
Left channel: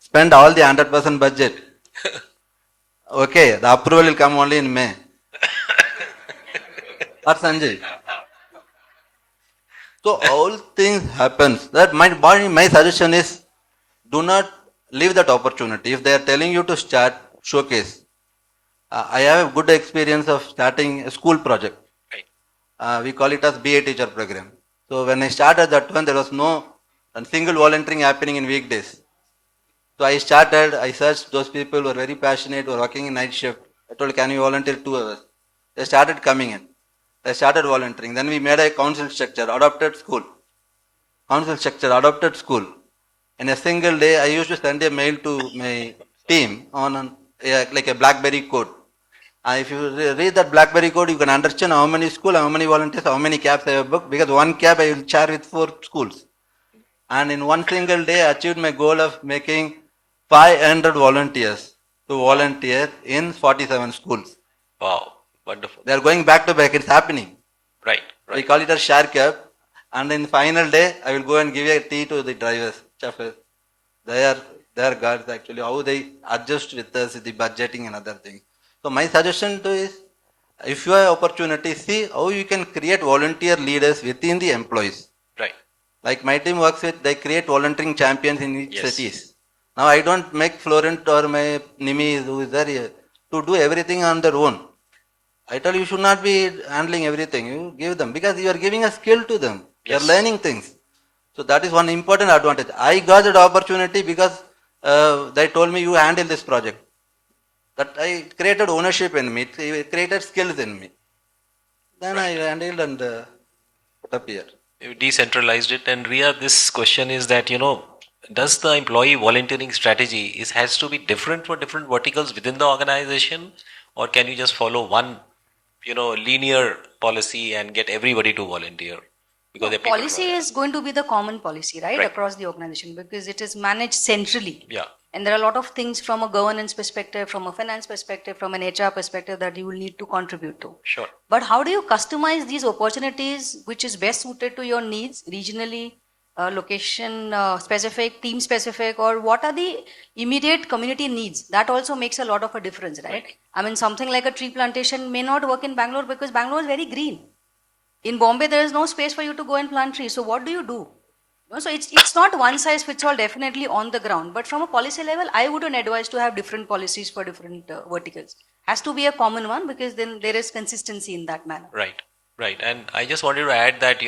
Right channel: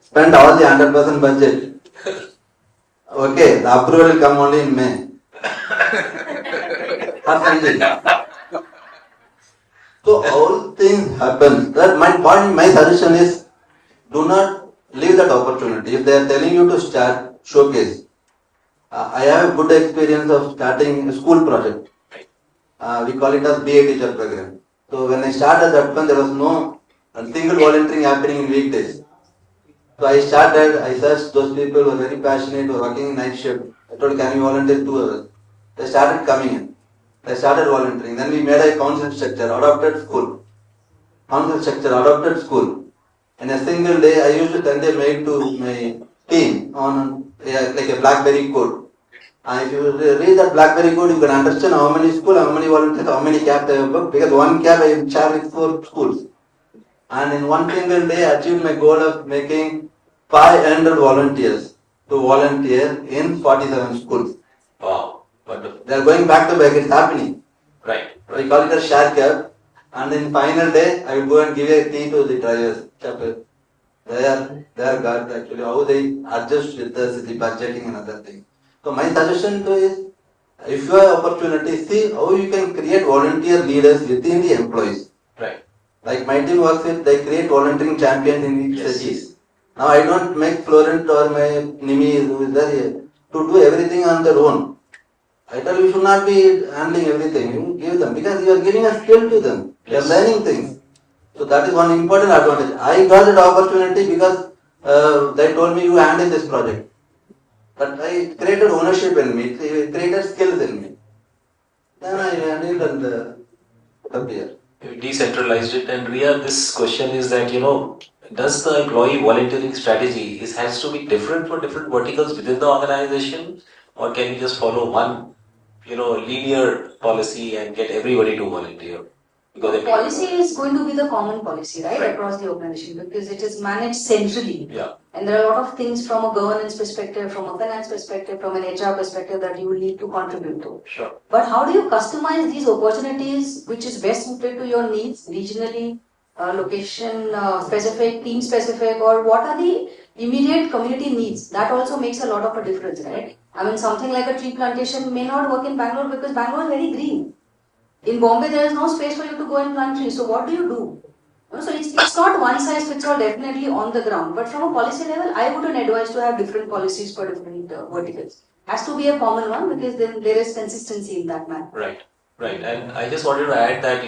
Spend all the 100% budget. Okay, the approval will come only in May. Or Sanjay. So all things happen. That my suggestion is, do not leave that opportunity. If they are telling you to start, showcase. I have a good experience of starting a school project. We call it as BA teacher program. So when I started that one, there was no single volunteering happening in weekdays. So I searched those people who were very passionate, who were working in night shift. I told, can you volunteer 2 hours? They started coming in. I started volunteering. Then we made a council structure, adopted school. Council structure, adopted school. In a single day, I used to send a mail to my team on like a BlackBerry code. And if you read that BlackBerry code, you can understand how many schools, how many volunteers, how many cabs I have booked. Because one cab I will share with 4 schools. And in one single day, I achieved my goal of making 500 volunteers to volunteer in 47 schools. Wow, wonderful. They are going back to back, it's happening. Right. We call it a share cab. And in final day, I will go and give a tea to the drivers. They are gods actually, how they adjust with us, the budgeting and other things. So my suggestion to is, if you have opportunity, see how you can create volunteer leaders within the employees. Right. Like my team works with, they create volunteering champions in each Yes. cities. Now I don't make Florent or my Nimi who is there to do everything on their own. I tell you should not be handling everything. You give them because you are giving a skill to them. Yes. They are learning things. So that is one important advantage. I got that opportunity because they told me you handle this project. That I created ownership in me. It created skills in me. Then I handled and put up here. You decentralized it. And Ria, this question is that, does the employee volunteering strategy has to be different for different verticals within the organization, or can you just follow one, linear policy and get everybody to volunteer? Because Policy is going to be the common policy, right, Right. across the organization because it is managed centrally. Yeah. And there are a lot of things from a governance perspective, from a finance perspective, from an HR perspective that you will need to contribute to. Sure. But how do you customize these opportunities which is best suited to your needs regionally, location specific, team specific, or what are the immediate community needs? That also makes a lot of a difference, right? I mean, something like a tree plantation may not work in Bangalore because Bangalore is very green. In Bombay, there is no space for you to go and plant trees. So what do you do? So it's not one size fits all definitely on the ground. But from a policy level, I wouldn't advise to have different policies for different verticals. Has to be a common one because then there is consistency in that manner. Right. Right. And I just wanted to add that,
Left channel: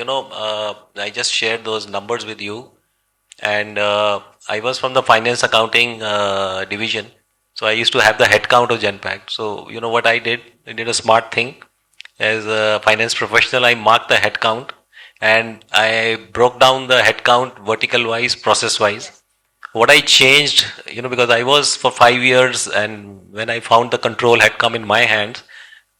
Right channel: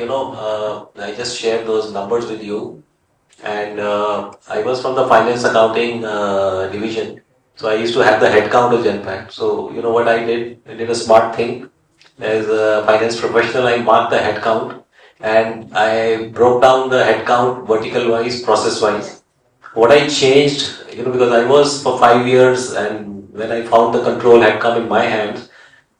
I just shared those numbers with you. And I was from the finance accounting division. So I used to have the headcount of Genpact. So, what I did? I did a smart thing. As a finance professional, I marked the headcount and I broke down the headcount vertical wise, process wise. What I changed, because I was for 5 years and when I found the control had come in my hands,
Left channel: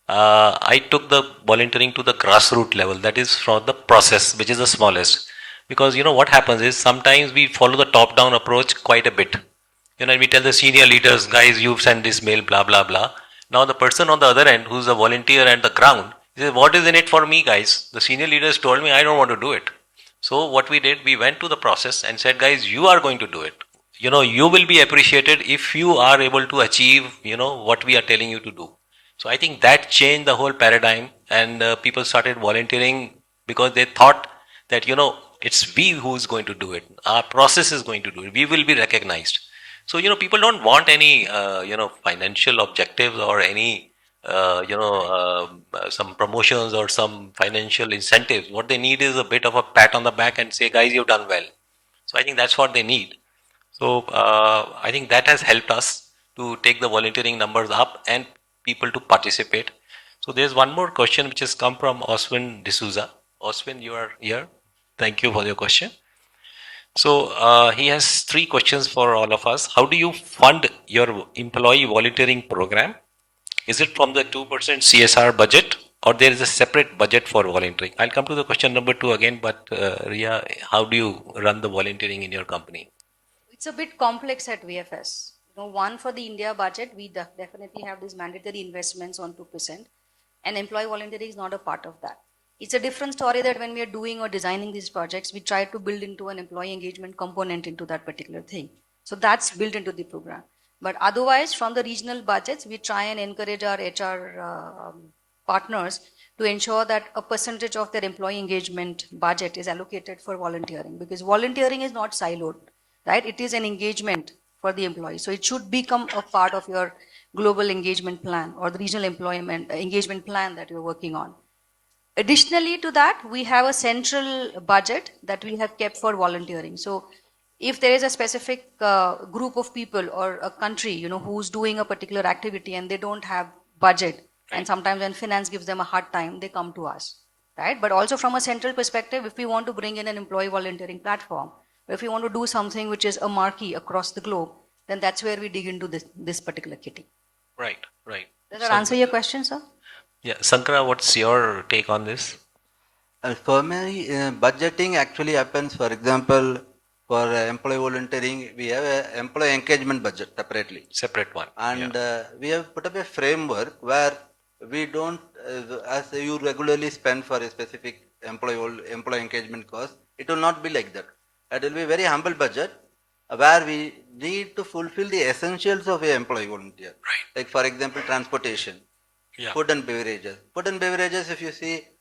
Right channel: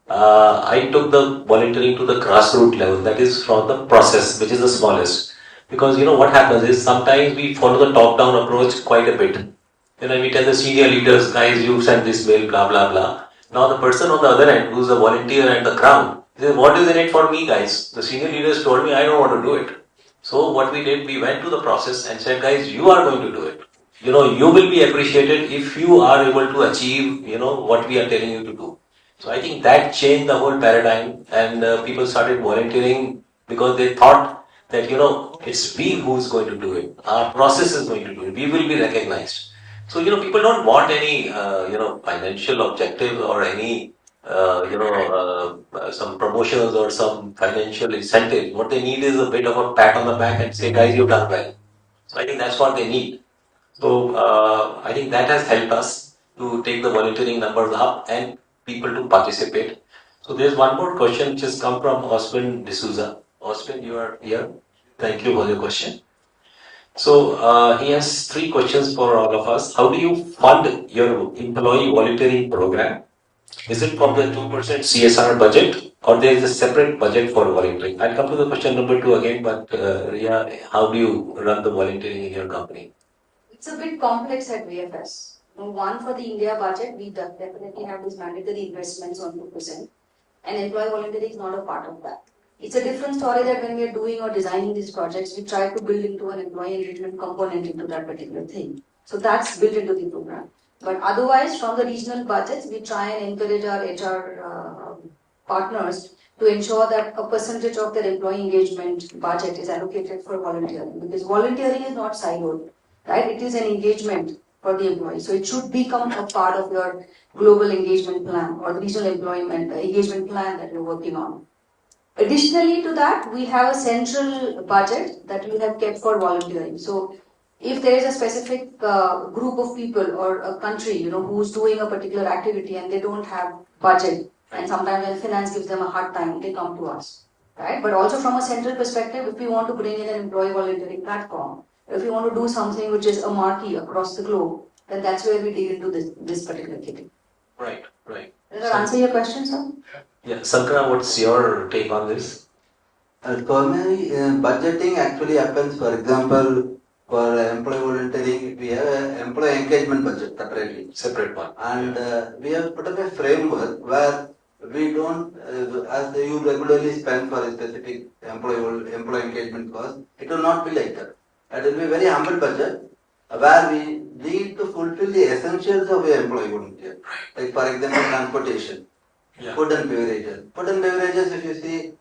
I took the volunteering to the grassroots level, that is from the process, which is the smallest. Because what happens is sometimes we follow the top-down approach quite a bit. We tell the senior leaders, guys, you've sent this mail, blah, blah, blah. Now the person on the other end, who's a volunteer at the ground, says, what is in it for me, guys? The senior leaders told me I don't want to do it. So what we did, we went to the process and said, guys, you are going to do it. You will be appreciated if you are able to achieve, what we are telling you to do. So I think that changed the whole paradigm and people started volunteering because they thought that, it's we who's going to do it. Our process is going to do it. We will be recognized. So, people don't want any, financial objectives or any, some promotions or some financial incentives. What they need is a bit of a pat on the back and say, guys, you've done well. So I think that's what they need. So I think that has helped us to take the volunteering numbers up and people to participate. So there's one more question which has come from Oswin D'Souza. Oswin, you are here. Thank you for your question. So he has 3 questions for all of us. How do you fund your employee volunteering program? Is it from the 2% CSR budget or there is a separate budget for volunteering? I'll come to the question number 2 again, but Ria, how do you run the volunteering in your company? It's a bit complex at VFS. One, for the India budget, we definitely have these mandatory investments on 2%, and employee volunteering is not a part of that. It's a different story that when we are doing or designing these projects, we try to build into an employee engagement component into that particular thing. So that's built into the program. But otherwise, from the regional budgets, we try and encourage our HR partners to ensure that a percentage of their employee engagement budget is allocated for volunteering, because volunteering is not siloed, right? It is an engagement for the employee. So it should become a part of your global engagement plan or the regional employment engagement plan that you're working on. Additionally to that, we have a central budget that we have kept for volunteering. So if there is a specific group of people or a country, who's doing a particular activity and they don't have budget, and sometimes when finance gives them a hard time, they come to us, right? But also from a central perspective, if we want to bring in an employee volunteering platform, if we want to do something which is a marquee across the globe, then that's where we dig into this particular kitty. Right. Does that answer your question, sir? Yeah, Sankara, what's your take on this? For me, budgeting actually happens, for example, for employee volunteering, we have an employee engagement budget separately. Separate one. And we have put up a framework where we don't, as you regularly spend for a specific employee engagement cost, it will not be like that. It will be a very humble budget where we need to fulfill the essentials of an employee volunteer. Right. Like for example, transportation, food and beverages. Food and beverages, if you see,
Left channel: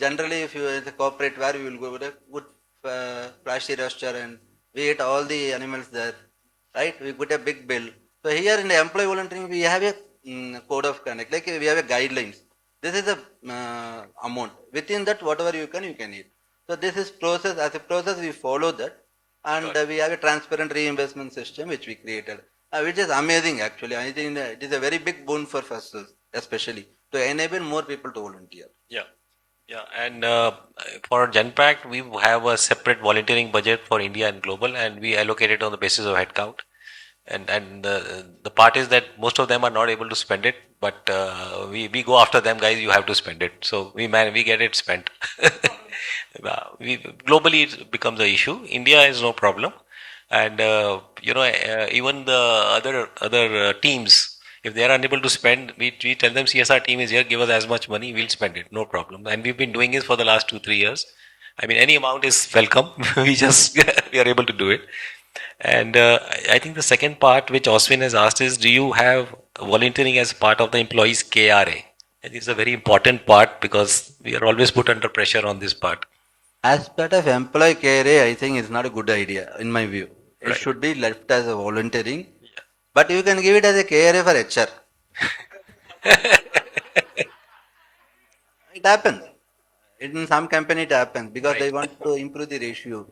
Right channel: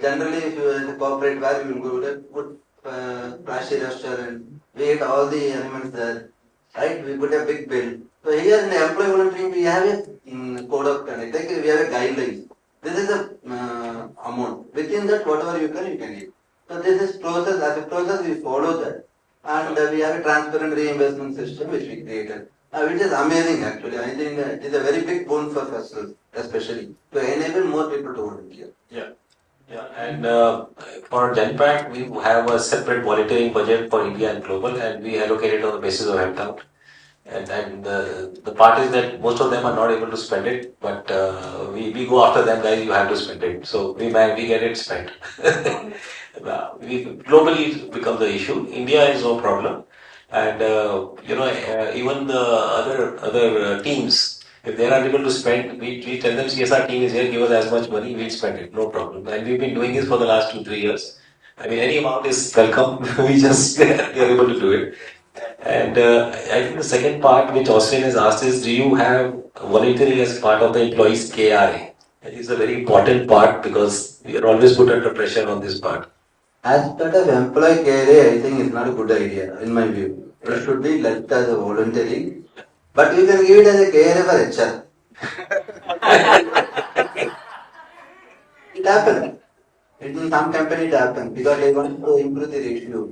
generally if you are in a corporate where you will go to a good flashy restaurant, we eat all the animals there, right? We put a big bill. So here in the employee volunteering, we have a code of conduct, like we have a guidelines. This is the amount. Within that, whatever you can eat. So this is process. As a process, we follow that, and we have a transparent reimbursement system which we created, which is amazing actually. I think it is a very big boon for Firstsource, especially to enable more people to volunteer. Yeah, and for Genpact, we have a separate volunteering budget for India and global, and we allocate it on the basis of headcount. And the part is that most of them are not able to spend it, but we go after them, guys. You have to spend it, so we get it spent. Globally it becomes the issue. India is no problem, and even the other teams. If they are unable to spend, we tell them CSR team is here, give us as much money, we'll spend it, no problem. And we've been doing this for the last 2-3 years. I mean, any amount is welcome. we are able to do it. And I think the second part which Oswin has asked is, do you have volunteering as part of the employees' KRA? It is a very important part because we are always put under pressure on this part. As part of employee KRA, I think is not a good idea in my view. It should be left as a volunteering. But you can give it as a KRA for HR. It happens. In some company it happens because they want to improve the ratio.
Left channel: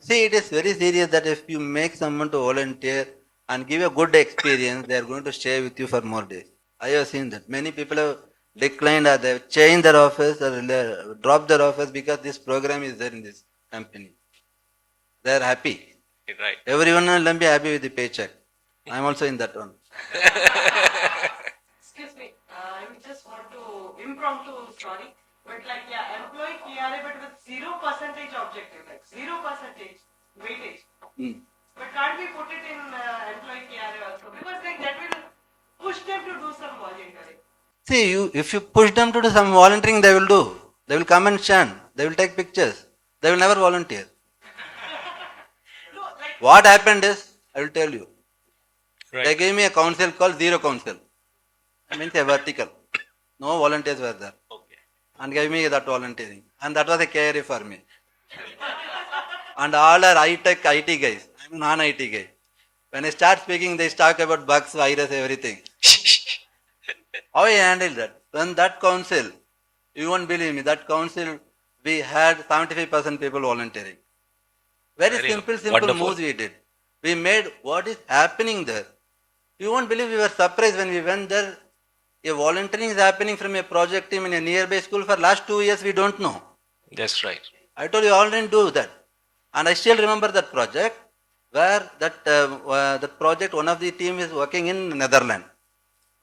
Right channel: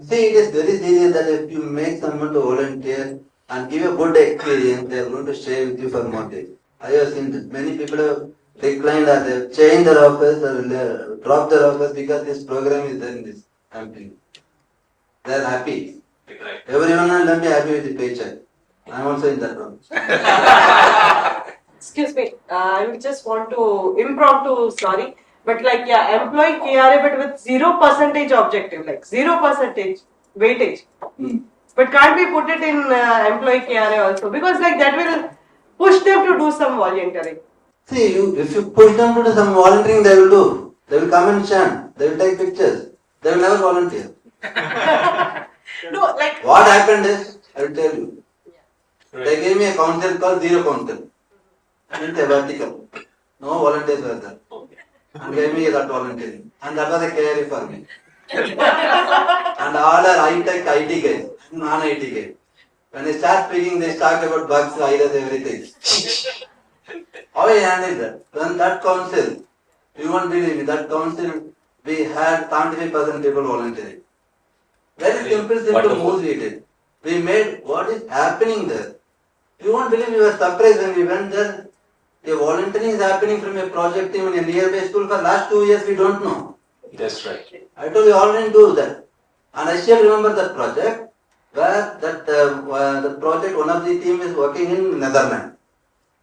See, it is very serious that if you make someone to volunteer and give a good experience, they are going to stay with you for more days. I have seen that. Many people have declined or they have changed their office or dropped their office because this program is there in this company. They are happy. Right. Everyone will be happy with the paycheck. I am also in that one. Excuse me, I would just want to but employee KRA but with 0% objective, like 0% weightage. But can't we put it in employee KRA also? Because that will push them to do some volunteering. See, if you push them to do some volunteering, they will do. They will come and chant. They will take pictures. They will never volunteer. No, what happened is, I will tell you. Right. They gave me a council called Zero Council. I mean, a vertical. No volunteers were there. Okay. And gave me that volunteering. And that was a KRA for me. And all are high-tech IT guys. I'm non-IT guy. When I start speaking, they talk about bugs, virus, everything. How I handled that? Then that council, you won't believe me, that council, we had 75% people volunteering. Very simple moves we did. We made what is happening there. You won't believe, we were surprised when we went there. A volunteering is happening from a project team in a nearby school for last 2 years, we don't know. That's right. I told you all didn't do that. And I still remember that project where the project, one of the team is working in Netherlands.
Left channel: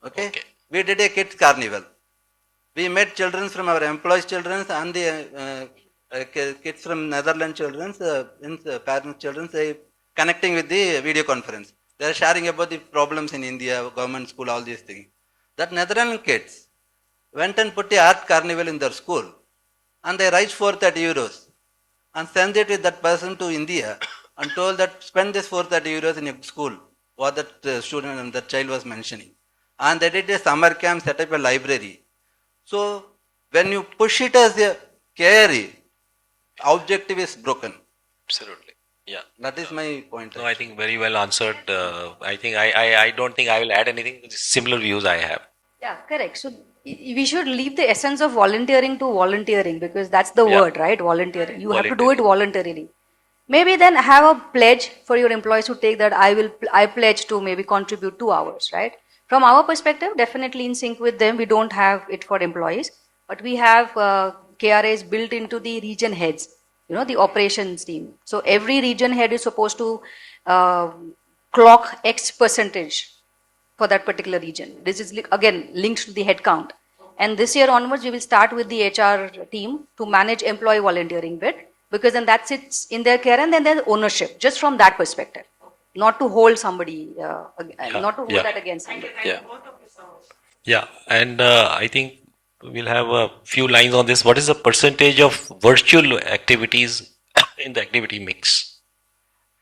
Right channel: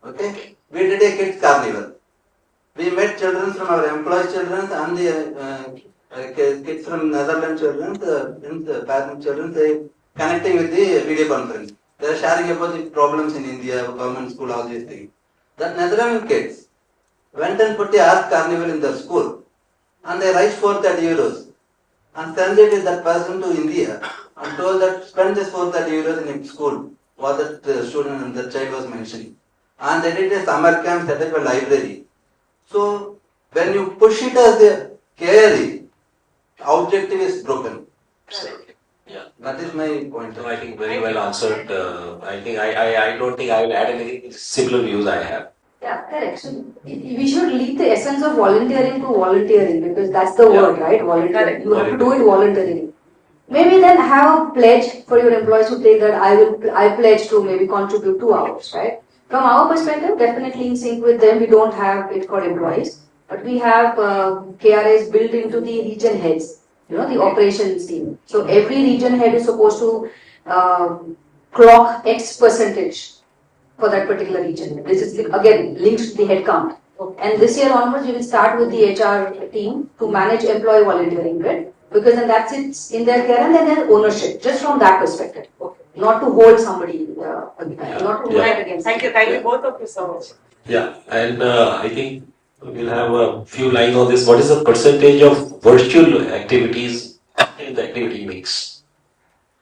Okay? We did a kids carnival. We met children from our employees' children and the kids from Netherlands children, the parent children, they connecting with the video conference. They are sharing about the problems in India, government school, all these things. That Netherlands kids went and put the art carnival in their school and they raised 430 euros and sent it with that person to India and told that spend this 430 euros in your school, what that student and that child was mentioning. And they did a summer camp, set up a library. So when you push it as a carry, objective is broken. Absolutely. Yeah. That is my point. No, I think very well answered. I don't think I will add anything. Similar views I have. Yeah, correct. So we should leave the essence of volunteering to volunteering because that's the Yeah. word, right? Volunteering. You have to do Volunteering. it voluntarily. Maybe then have a pledge for your employees to take that I pledge to maybe contribute 2 hours, right? From our perspective, definitely in sync with them, we don't have it for employees, but we have KRAs built into the region heads, the operations team. So every region head is supposed to clock X percentage for that particular region. This is again linked to the head count. And this year onwards, we will start with the HR team to manage employee volunteering bit because then that sits in their care and then their ownership, just from that perspective. Not to hold somebody, not to hold that against. Thank you Yeah. both of you so much. Yeah, and I think we'll have a few lines on this. What is the percentage of virtual activities in the activity mix?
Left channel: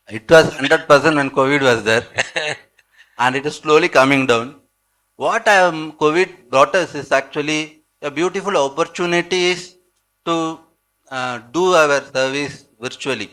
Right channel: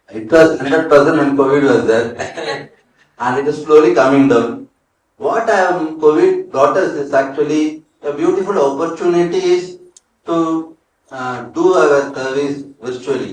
It was 100% when COVID was there and it is slowly coming down. What COVID brought us is actually a beautiful opportunities to do our service virtually.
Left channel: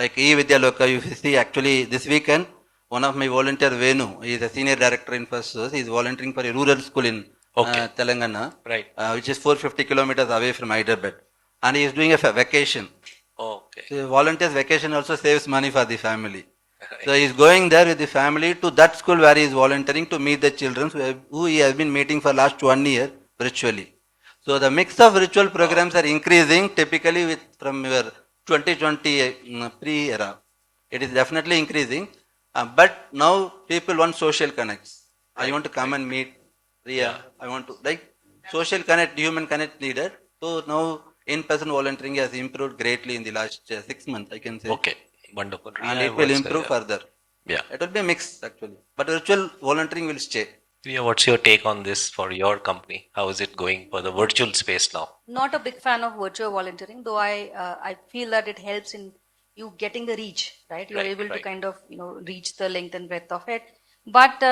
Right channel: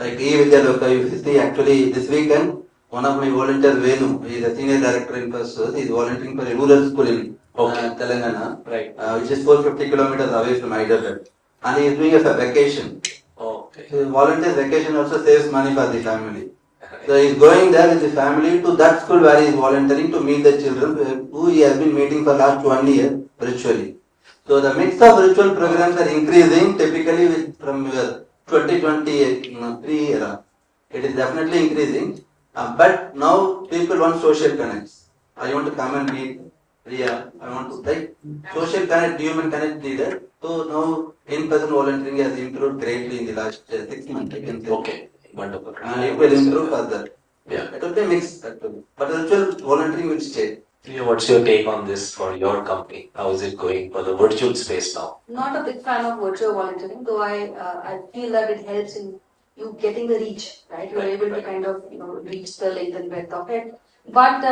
Like Ria Vaidya, you see actually this weekend, one of my volunteers, Venu, he is a senior director in Firstsource, he is volunteering for a rural school in Telangana, Right. Which is 450 kilometers away from Hyderabad. And he is doing a vacation. Okay. So volunteer's vacation also saves money for the family. Right. So he is going there with the family to that school where he is volunteering to meet the children who he has been meeting for last 1 year virtually. So the mix of virtual programs are increasing typically from your 2020 pre-era. It is definitely increasing, but now people want social connects. I want to come and meet Ria. I want to social connect, human connect needed. So now in-person volunteering has improved greatly in the last 6 months, I can say. Okay. Wonderful. And it will improve further. Yeah. It will be mixed actually, but virtual volunteering will stay. Ria, what's your take on this for your company? How is it going for the virtual space now? Not a big fan of virtual volunteering, though I feel that it helps in you getting the reach, right? You're Right, able to right. kind of reach the length and breadth of it. But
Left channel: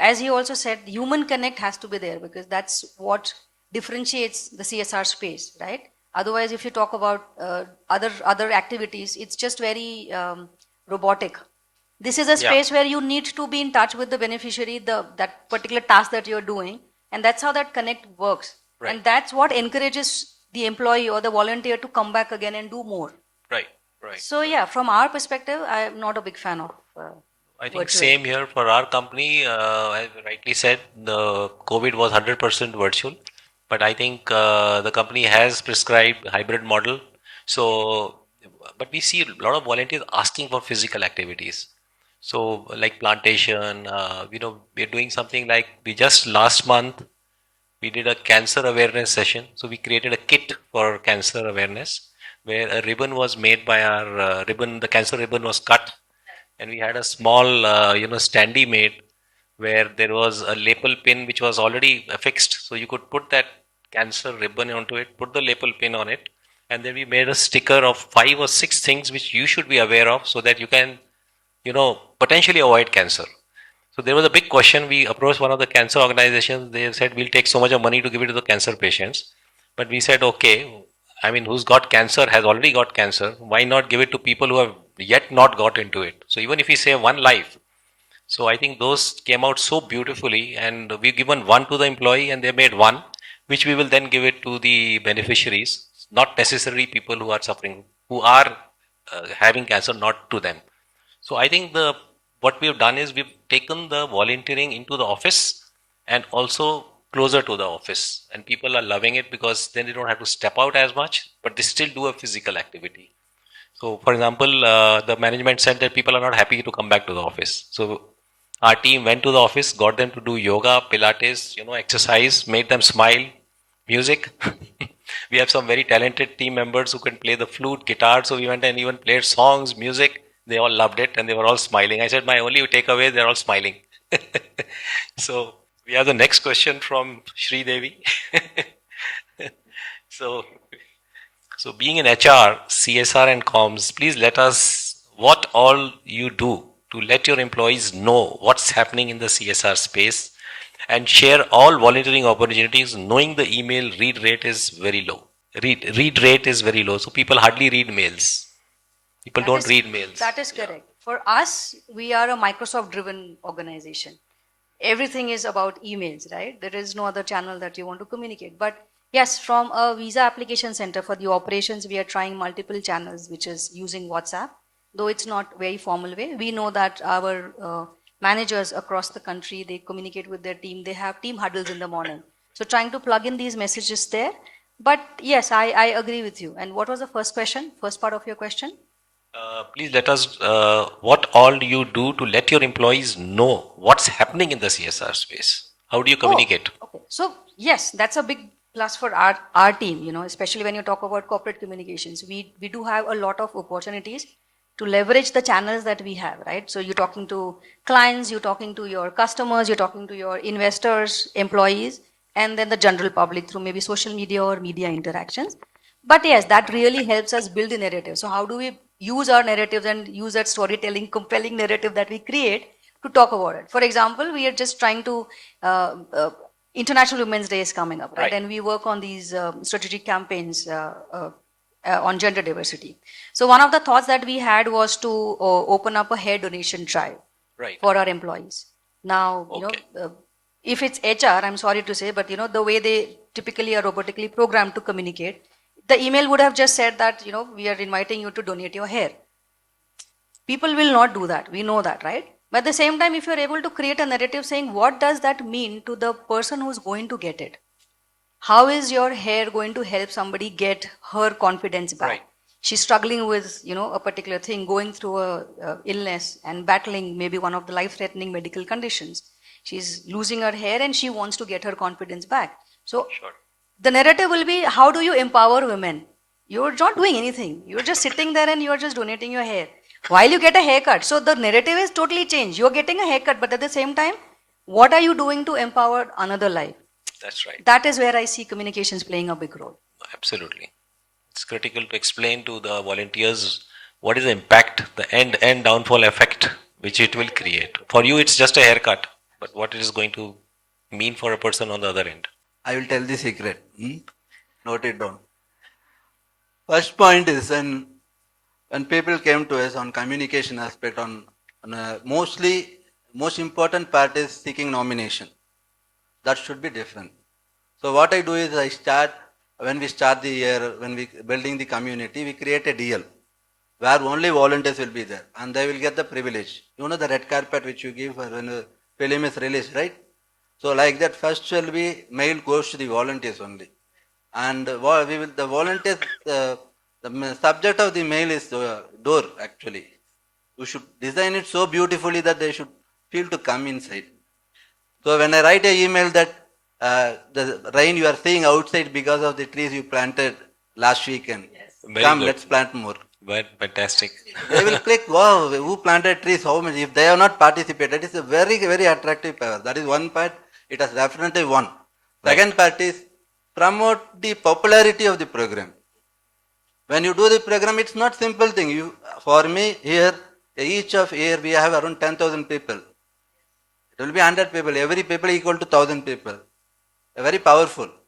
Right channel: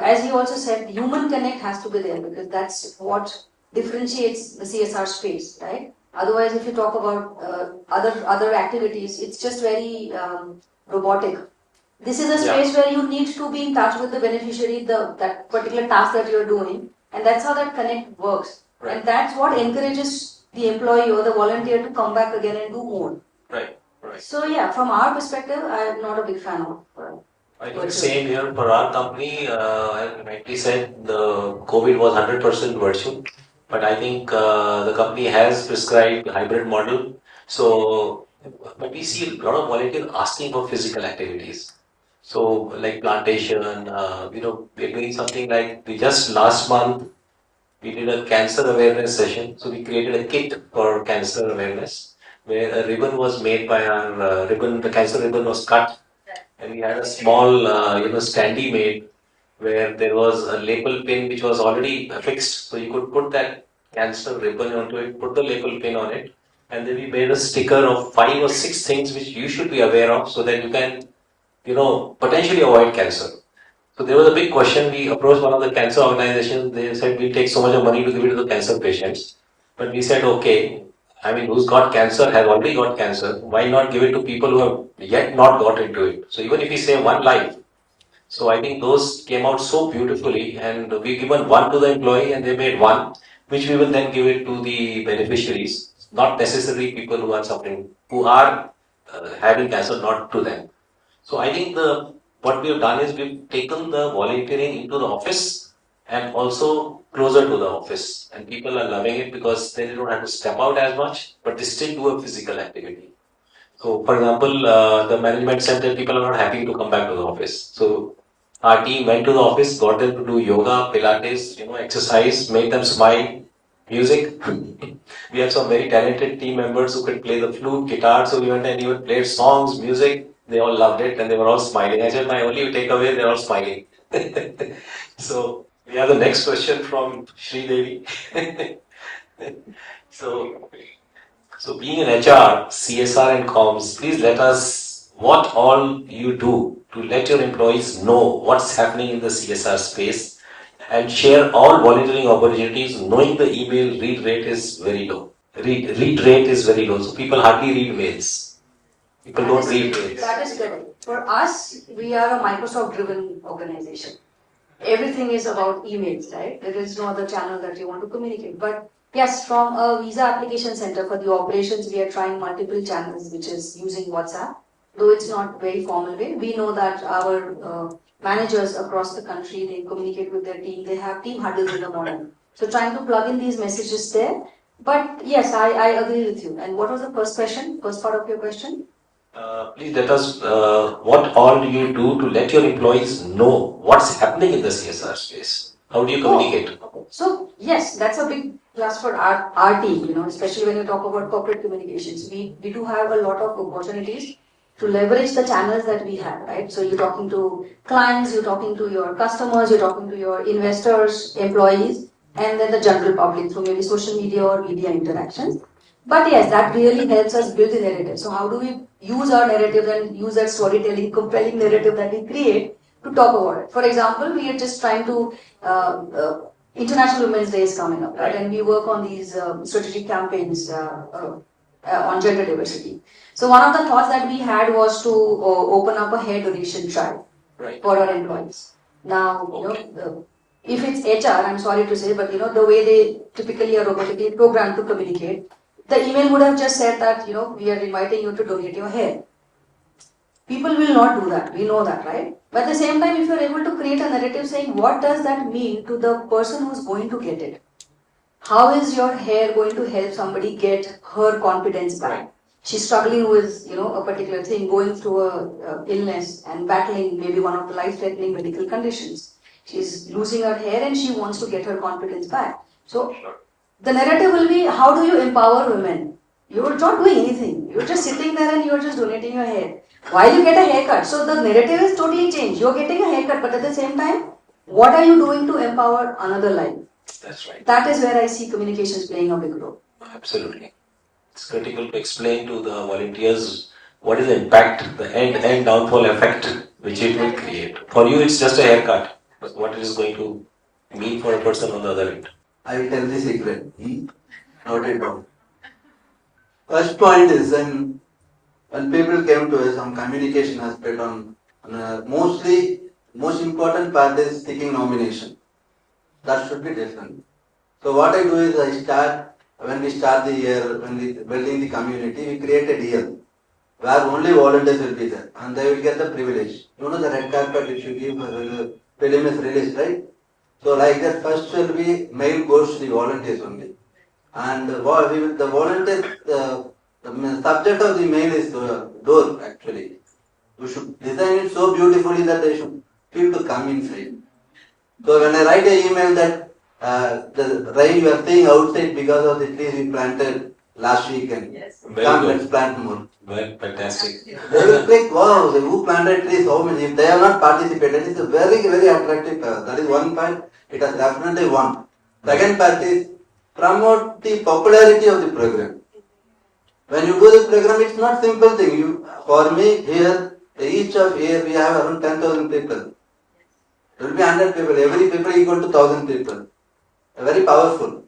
as you also said, human connect has to be there because that's what differentiates the CSR space, right? Otherwise, if you talk about other activities, it's just very robotic. This is a space where you need to be in touch with the beneficiary, that particular task that you're doing, and that's how that connect works. Right. And that's what encourages the employee or the volunteer to come back again and do more. Right. Right. So yeah, from our perspective, I am not a big fan of. I think virtual. same here for our company. As rightly said, the COVID was 100% virtual, but I think the company has prescribed hybrid model. So, but we see a lot of volunteers asking for physical activities. So, like plantation, we're doing something like we just last month we did a cancer awareness session. So we created a kit for cancer awareness where a ribbon was made by our ribbon. The cancer ribbon was cut, and we had a small, standee made where there was a label pin which was already affixed. So you could put that cancer ribbon onto it, put the label pin on it, and then we made a sticker of 5 or 6 things which you should be aware of so that you can, potentially avoid cancer. So there was a big question. We approached one of the cancer organizations. They said, we'll take so much of money to give it to the cancer patients. But we said, okay, who's got cancer has already got cancer. Why not give it to people who have yet not got into it? So even if we save one life, so I think those came out so beautifully, and we've given one to the employee and they made one, which we will then give it to the beneficiaries, not necessarily people who are suffering, who are having cancer, not to them. So I think what we've done is we've taken the volunteering into the office and also closer to the office, and people are loving it because then they don't have to step out as much, but they still do a physical activity. So, for example, the management said that people are not happy to come back to the office. So, our team went to the office, got them to do yoga, Pilates, exercise, made them smile, music. We have some very talented team members who can play the flute, guitar. So we went and even played songs, music. They all loved it and they were all smiling. I said, my only takeaway, they're all smiling. So we have the next question from Shri Devi. So being in HR, CSR and comms, please let us what all you do to let your employees know what's happening in the CSR space and share all volunteering opportunities, knowing the email read rate is very low. Read rate is very low, so people hardly read mails. People don't read mails. That is correct. For us, we are a Microsoft-driven organization. Everything is about emails, right? There is no other channel that you want to communicate. But yes, from a visa application center for the operations, we are trying multiple channels, which is using WhatsApp. Though it's not very formal way, we know that our managers across the country, they communicate with their team. They have team huddles in the morning. So trying to plug in these messages there. But yes, I agree with you. And what was the first question? First part of your question? Please let us, what all do you do to let your employees know what's happening in the CSR space? How do you communicate? Okay. So yes, that's a big plus for our team, especially when you talk about corporate communications. We do have a lot of opportunities to leverage the channels that we have, right? So you're talking to clients, you're talking to your customers, you're talking to your investors, employees, and then the general public through maybe social media or media interactions. But yes, that really helps us build the narrative. So how do we use our narratives and use that storytelling, compelling narrative that we create to talk about it? For example, we are just trying to, International Women's Day is coming up, right? And we work on these strategic campaigns on gender diversity. So one of the thoughts that we had was to open up a hair donation drive for our employees. Now, if it's HR, I'm sorry to say, but the way they typically are robotically programmed to communicate, the email would have just said that, we are inviting you to donate your hair. People will not do that. We know that, right? But at the same time, if you're able to create a narrative saying, what does that mean to the person who's going to get it? How is your hair going to help somebody get her confidence back? Right. She's struggling with, a particular thing, going through a illness and battling maybe one of the life-threatening medical conditions. She's losing her hair and she wants to get her confidence back. So the narrative will be, how do you empower women? You're not doing anything. You're just sitting there and you're just donating your hair while you get a haircut. So the narrative is totally changed. You're getting a haircut, but at the same time, what are you doing to empower another life? That's right. That is where I see communications playing a big role. Absolutely. It's critical to explain to the volunteers what is the impact, the end downfall effect which it will create. For you, it's just a haircut, but what it is going to mean for a person on the other end. I will tell the secret. Note it down. First point is when people came to us on communication aspect, most important part is seeking nomination. That should be different. So what I do is when we start the year, when we building the community, we create a deal where only volunteers will be there and they will get the privilege. The red carpet which you give when the film is released, right? So like that, first will be mail goes to the volunteers only. And the volunteer, the subject of the mail is the door actually. We should design it so beautifully that they should feel to come inside. So when I write an email that the rain you are seeing outside because of the trees you planted last weekend. Yes. Let's plant more. Well, fantastic. They will click, wow, who planted trees, how many? If they have not participated, it's a very, very attractive path. That is one part, it has definitely won. Second part is promote the popularity of the program. When you do the program, it's not simple thing. For me, here, each of year we have around 10,000 people. There will be 100 people, every people equal to 1,000 people. Very powerful,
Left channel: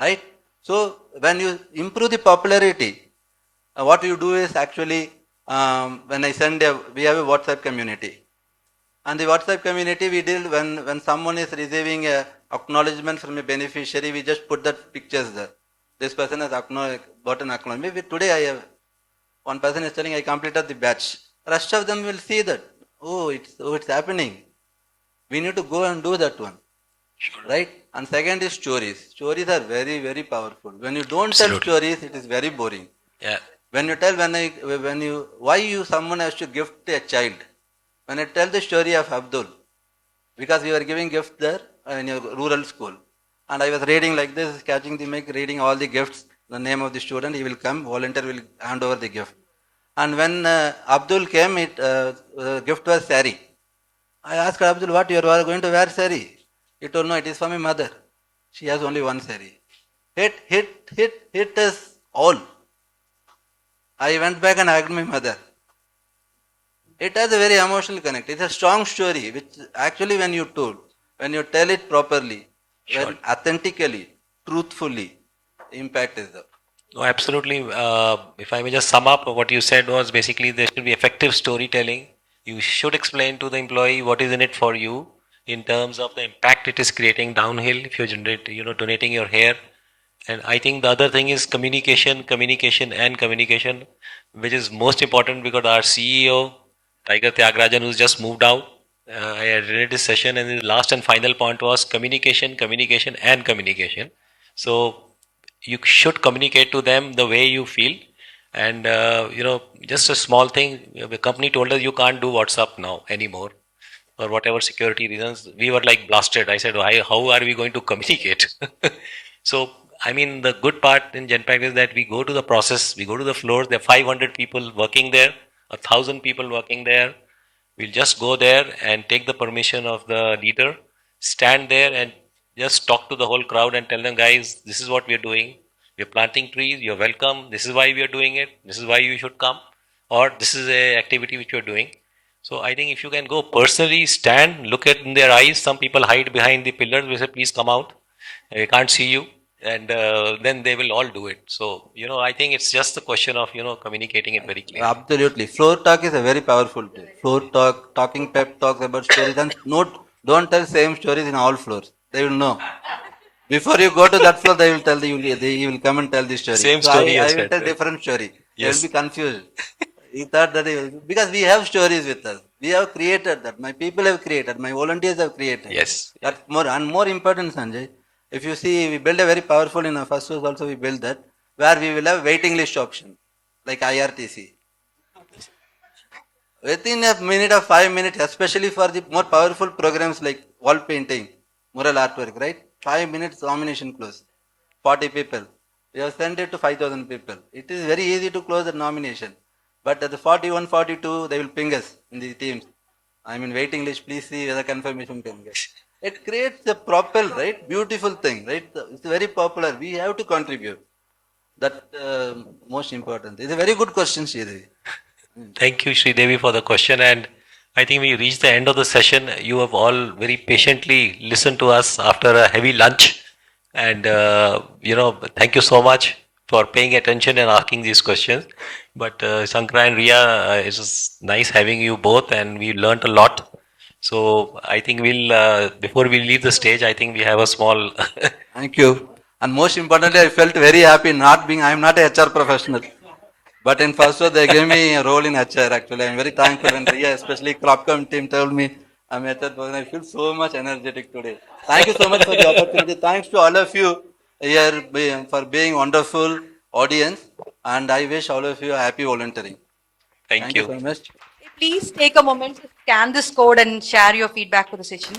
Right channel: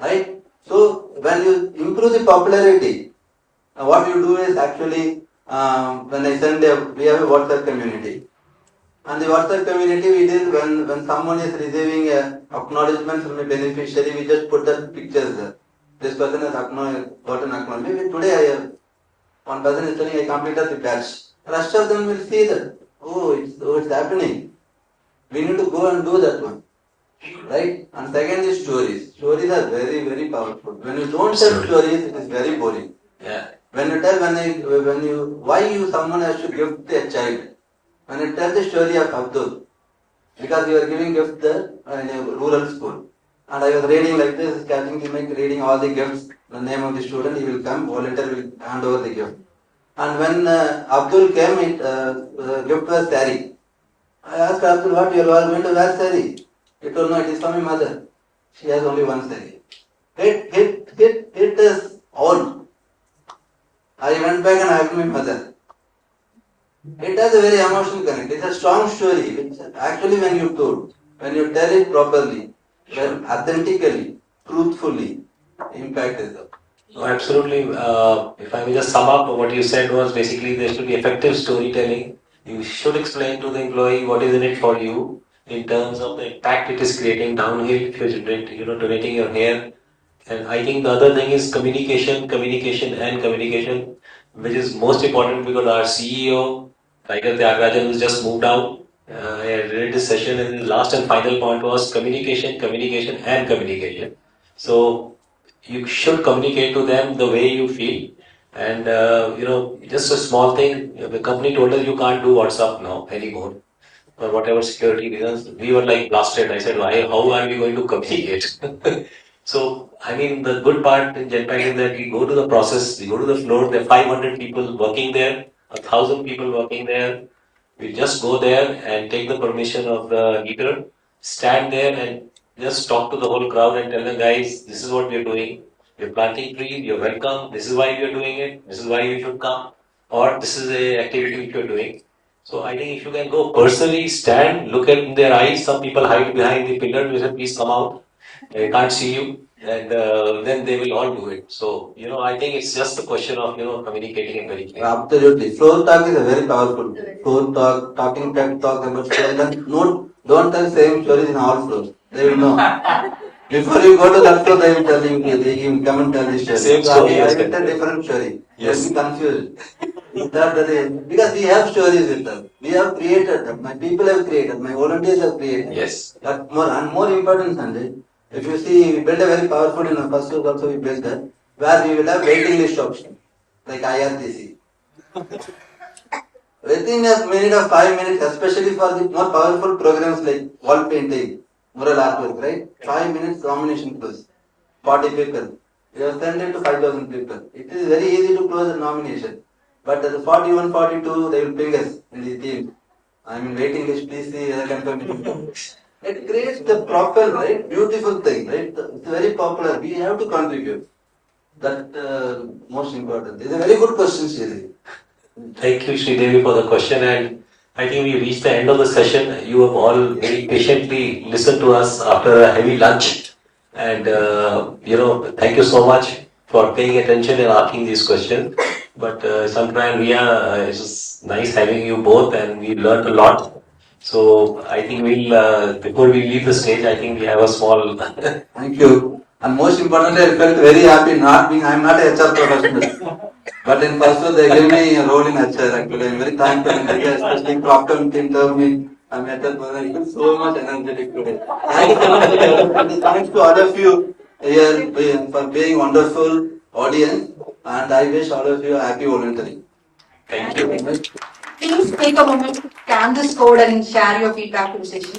right? So when you improve the popularity, what you do is actually, when I send we have a WhatsApp community. And the WhatsApp community we deal when someone is receiving acknowledgement from a beneficiary, we just put that pictures there. This person has gotten acknowledgement. Today one person is telling I completed the batch. Rest of them will see that, it's happening. We need to go and do that one. right? And second is stories. Stories are very, very powerful. When you don't tell Absolutely. stories, it is very boring. Yeah. When you tell, why someone has to gift a child. When you tell the story of Abdul, because you are giving gift there in a rural school. And I was reading like this, catching the mic, reading all the gifts, the name of the student, he will come, volunteer will hand over the gift. And when Abdul came, the gift was sari. I asked Abdul, what you are going to wear sari? He told, no, it is for my mother. She has only one sari. Hit us all. I went back and asked my mother. It has a very emotional connect. It's a strong story, which actually when you tell it properly, Sure. authentically, truthfully, the impact is there. No, absolutely. If I may just sum up, what you said was basically there should be effective storytelling. You should explain to the employee what is in it for you in terms of the impact it is creating downhill if you're donating your hair. And I think the other thing is communication, and communication, which is most important because our CEO, Tiger Tyagarajan, who's just moved out, I read this session, and the last and final point was communication, and communication. So you should communicate to them the way you feel. And just a small thing, the company told us you can't do WhatsApp now anymore, or whatever security reasons. We were like blasted. I said, why, how are we going to communicate? So, I mean, the good part in Genpact is that we go to the process, we go to the floor, there are 500 people working there, 1,000 people working there. We'll just go there and take the permission of the leader, stand there and just talk to the whole crowd and tell them, guys, this is what we're doing. We're planting trees, you're welcome. This is why we're doing it. This is why you should come. Or this is a activity which you're doing. So I think if you can go personally, stand, look in their eyes. Some people hide behind the pillar. We say, please come out. I can't see you. And then they will all do it. So, I think it's just a question of, communicating it very clearly. Absolutely. Floor talk is a very powerful tool. Floor talk, talking pep talks about stories. And don't tell same stories in all floors. They will know. Before you go to that floor, they will tell you, they will come and tell the story. Same So story, I yes, will tell sir. different story. Yes. They will be confused. He thought because we have stories with them. We have created them. My people have created. My volunteers have created. Yes. That's more important, Sanjay. If you see, we build a very powerful in the Firstsource also we built that, where we will have waiting list option, like IRTC. Within a minute or 5 minutes, especially for the more powerful programs like wall painting, mural artwork, right? 5 minutes nomination close. 40 people. We have sent it to 5,000 people. It is very easy to close the nomination. But at the 41, 42, they will ping us in the teams. I'm in waiting list, please see whether confirmation comes. It creates the proper, right? Beautiful thing, right? It's very popular. We have to contribute. That most important. It's a very good question, Sri. Thank you, Sridevi, for the question. And I think we reached the end of the session. You have all very patiently listened to us after a heavy lunch. And, thank you so much for paying attention and asking these questions. But Sankara and Ria, it's just nice having you both, and we learned a lot. So I think before we leave the stage, I think we have a small. Thank you. And most importantly, I felt very happy I'm not a HR professional. But in Firstsource, they gave me a role in HR actually. I'm very thankful, and especially Corp Comms team told me I'm a HR person. I feel so much energetic today. Thank you so much. Thanks to all of you here for being wonderful audience, and I wish all of you a happy volunteering. Thank you. Please take a moment to scan this code and share your feedback to the session.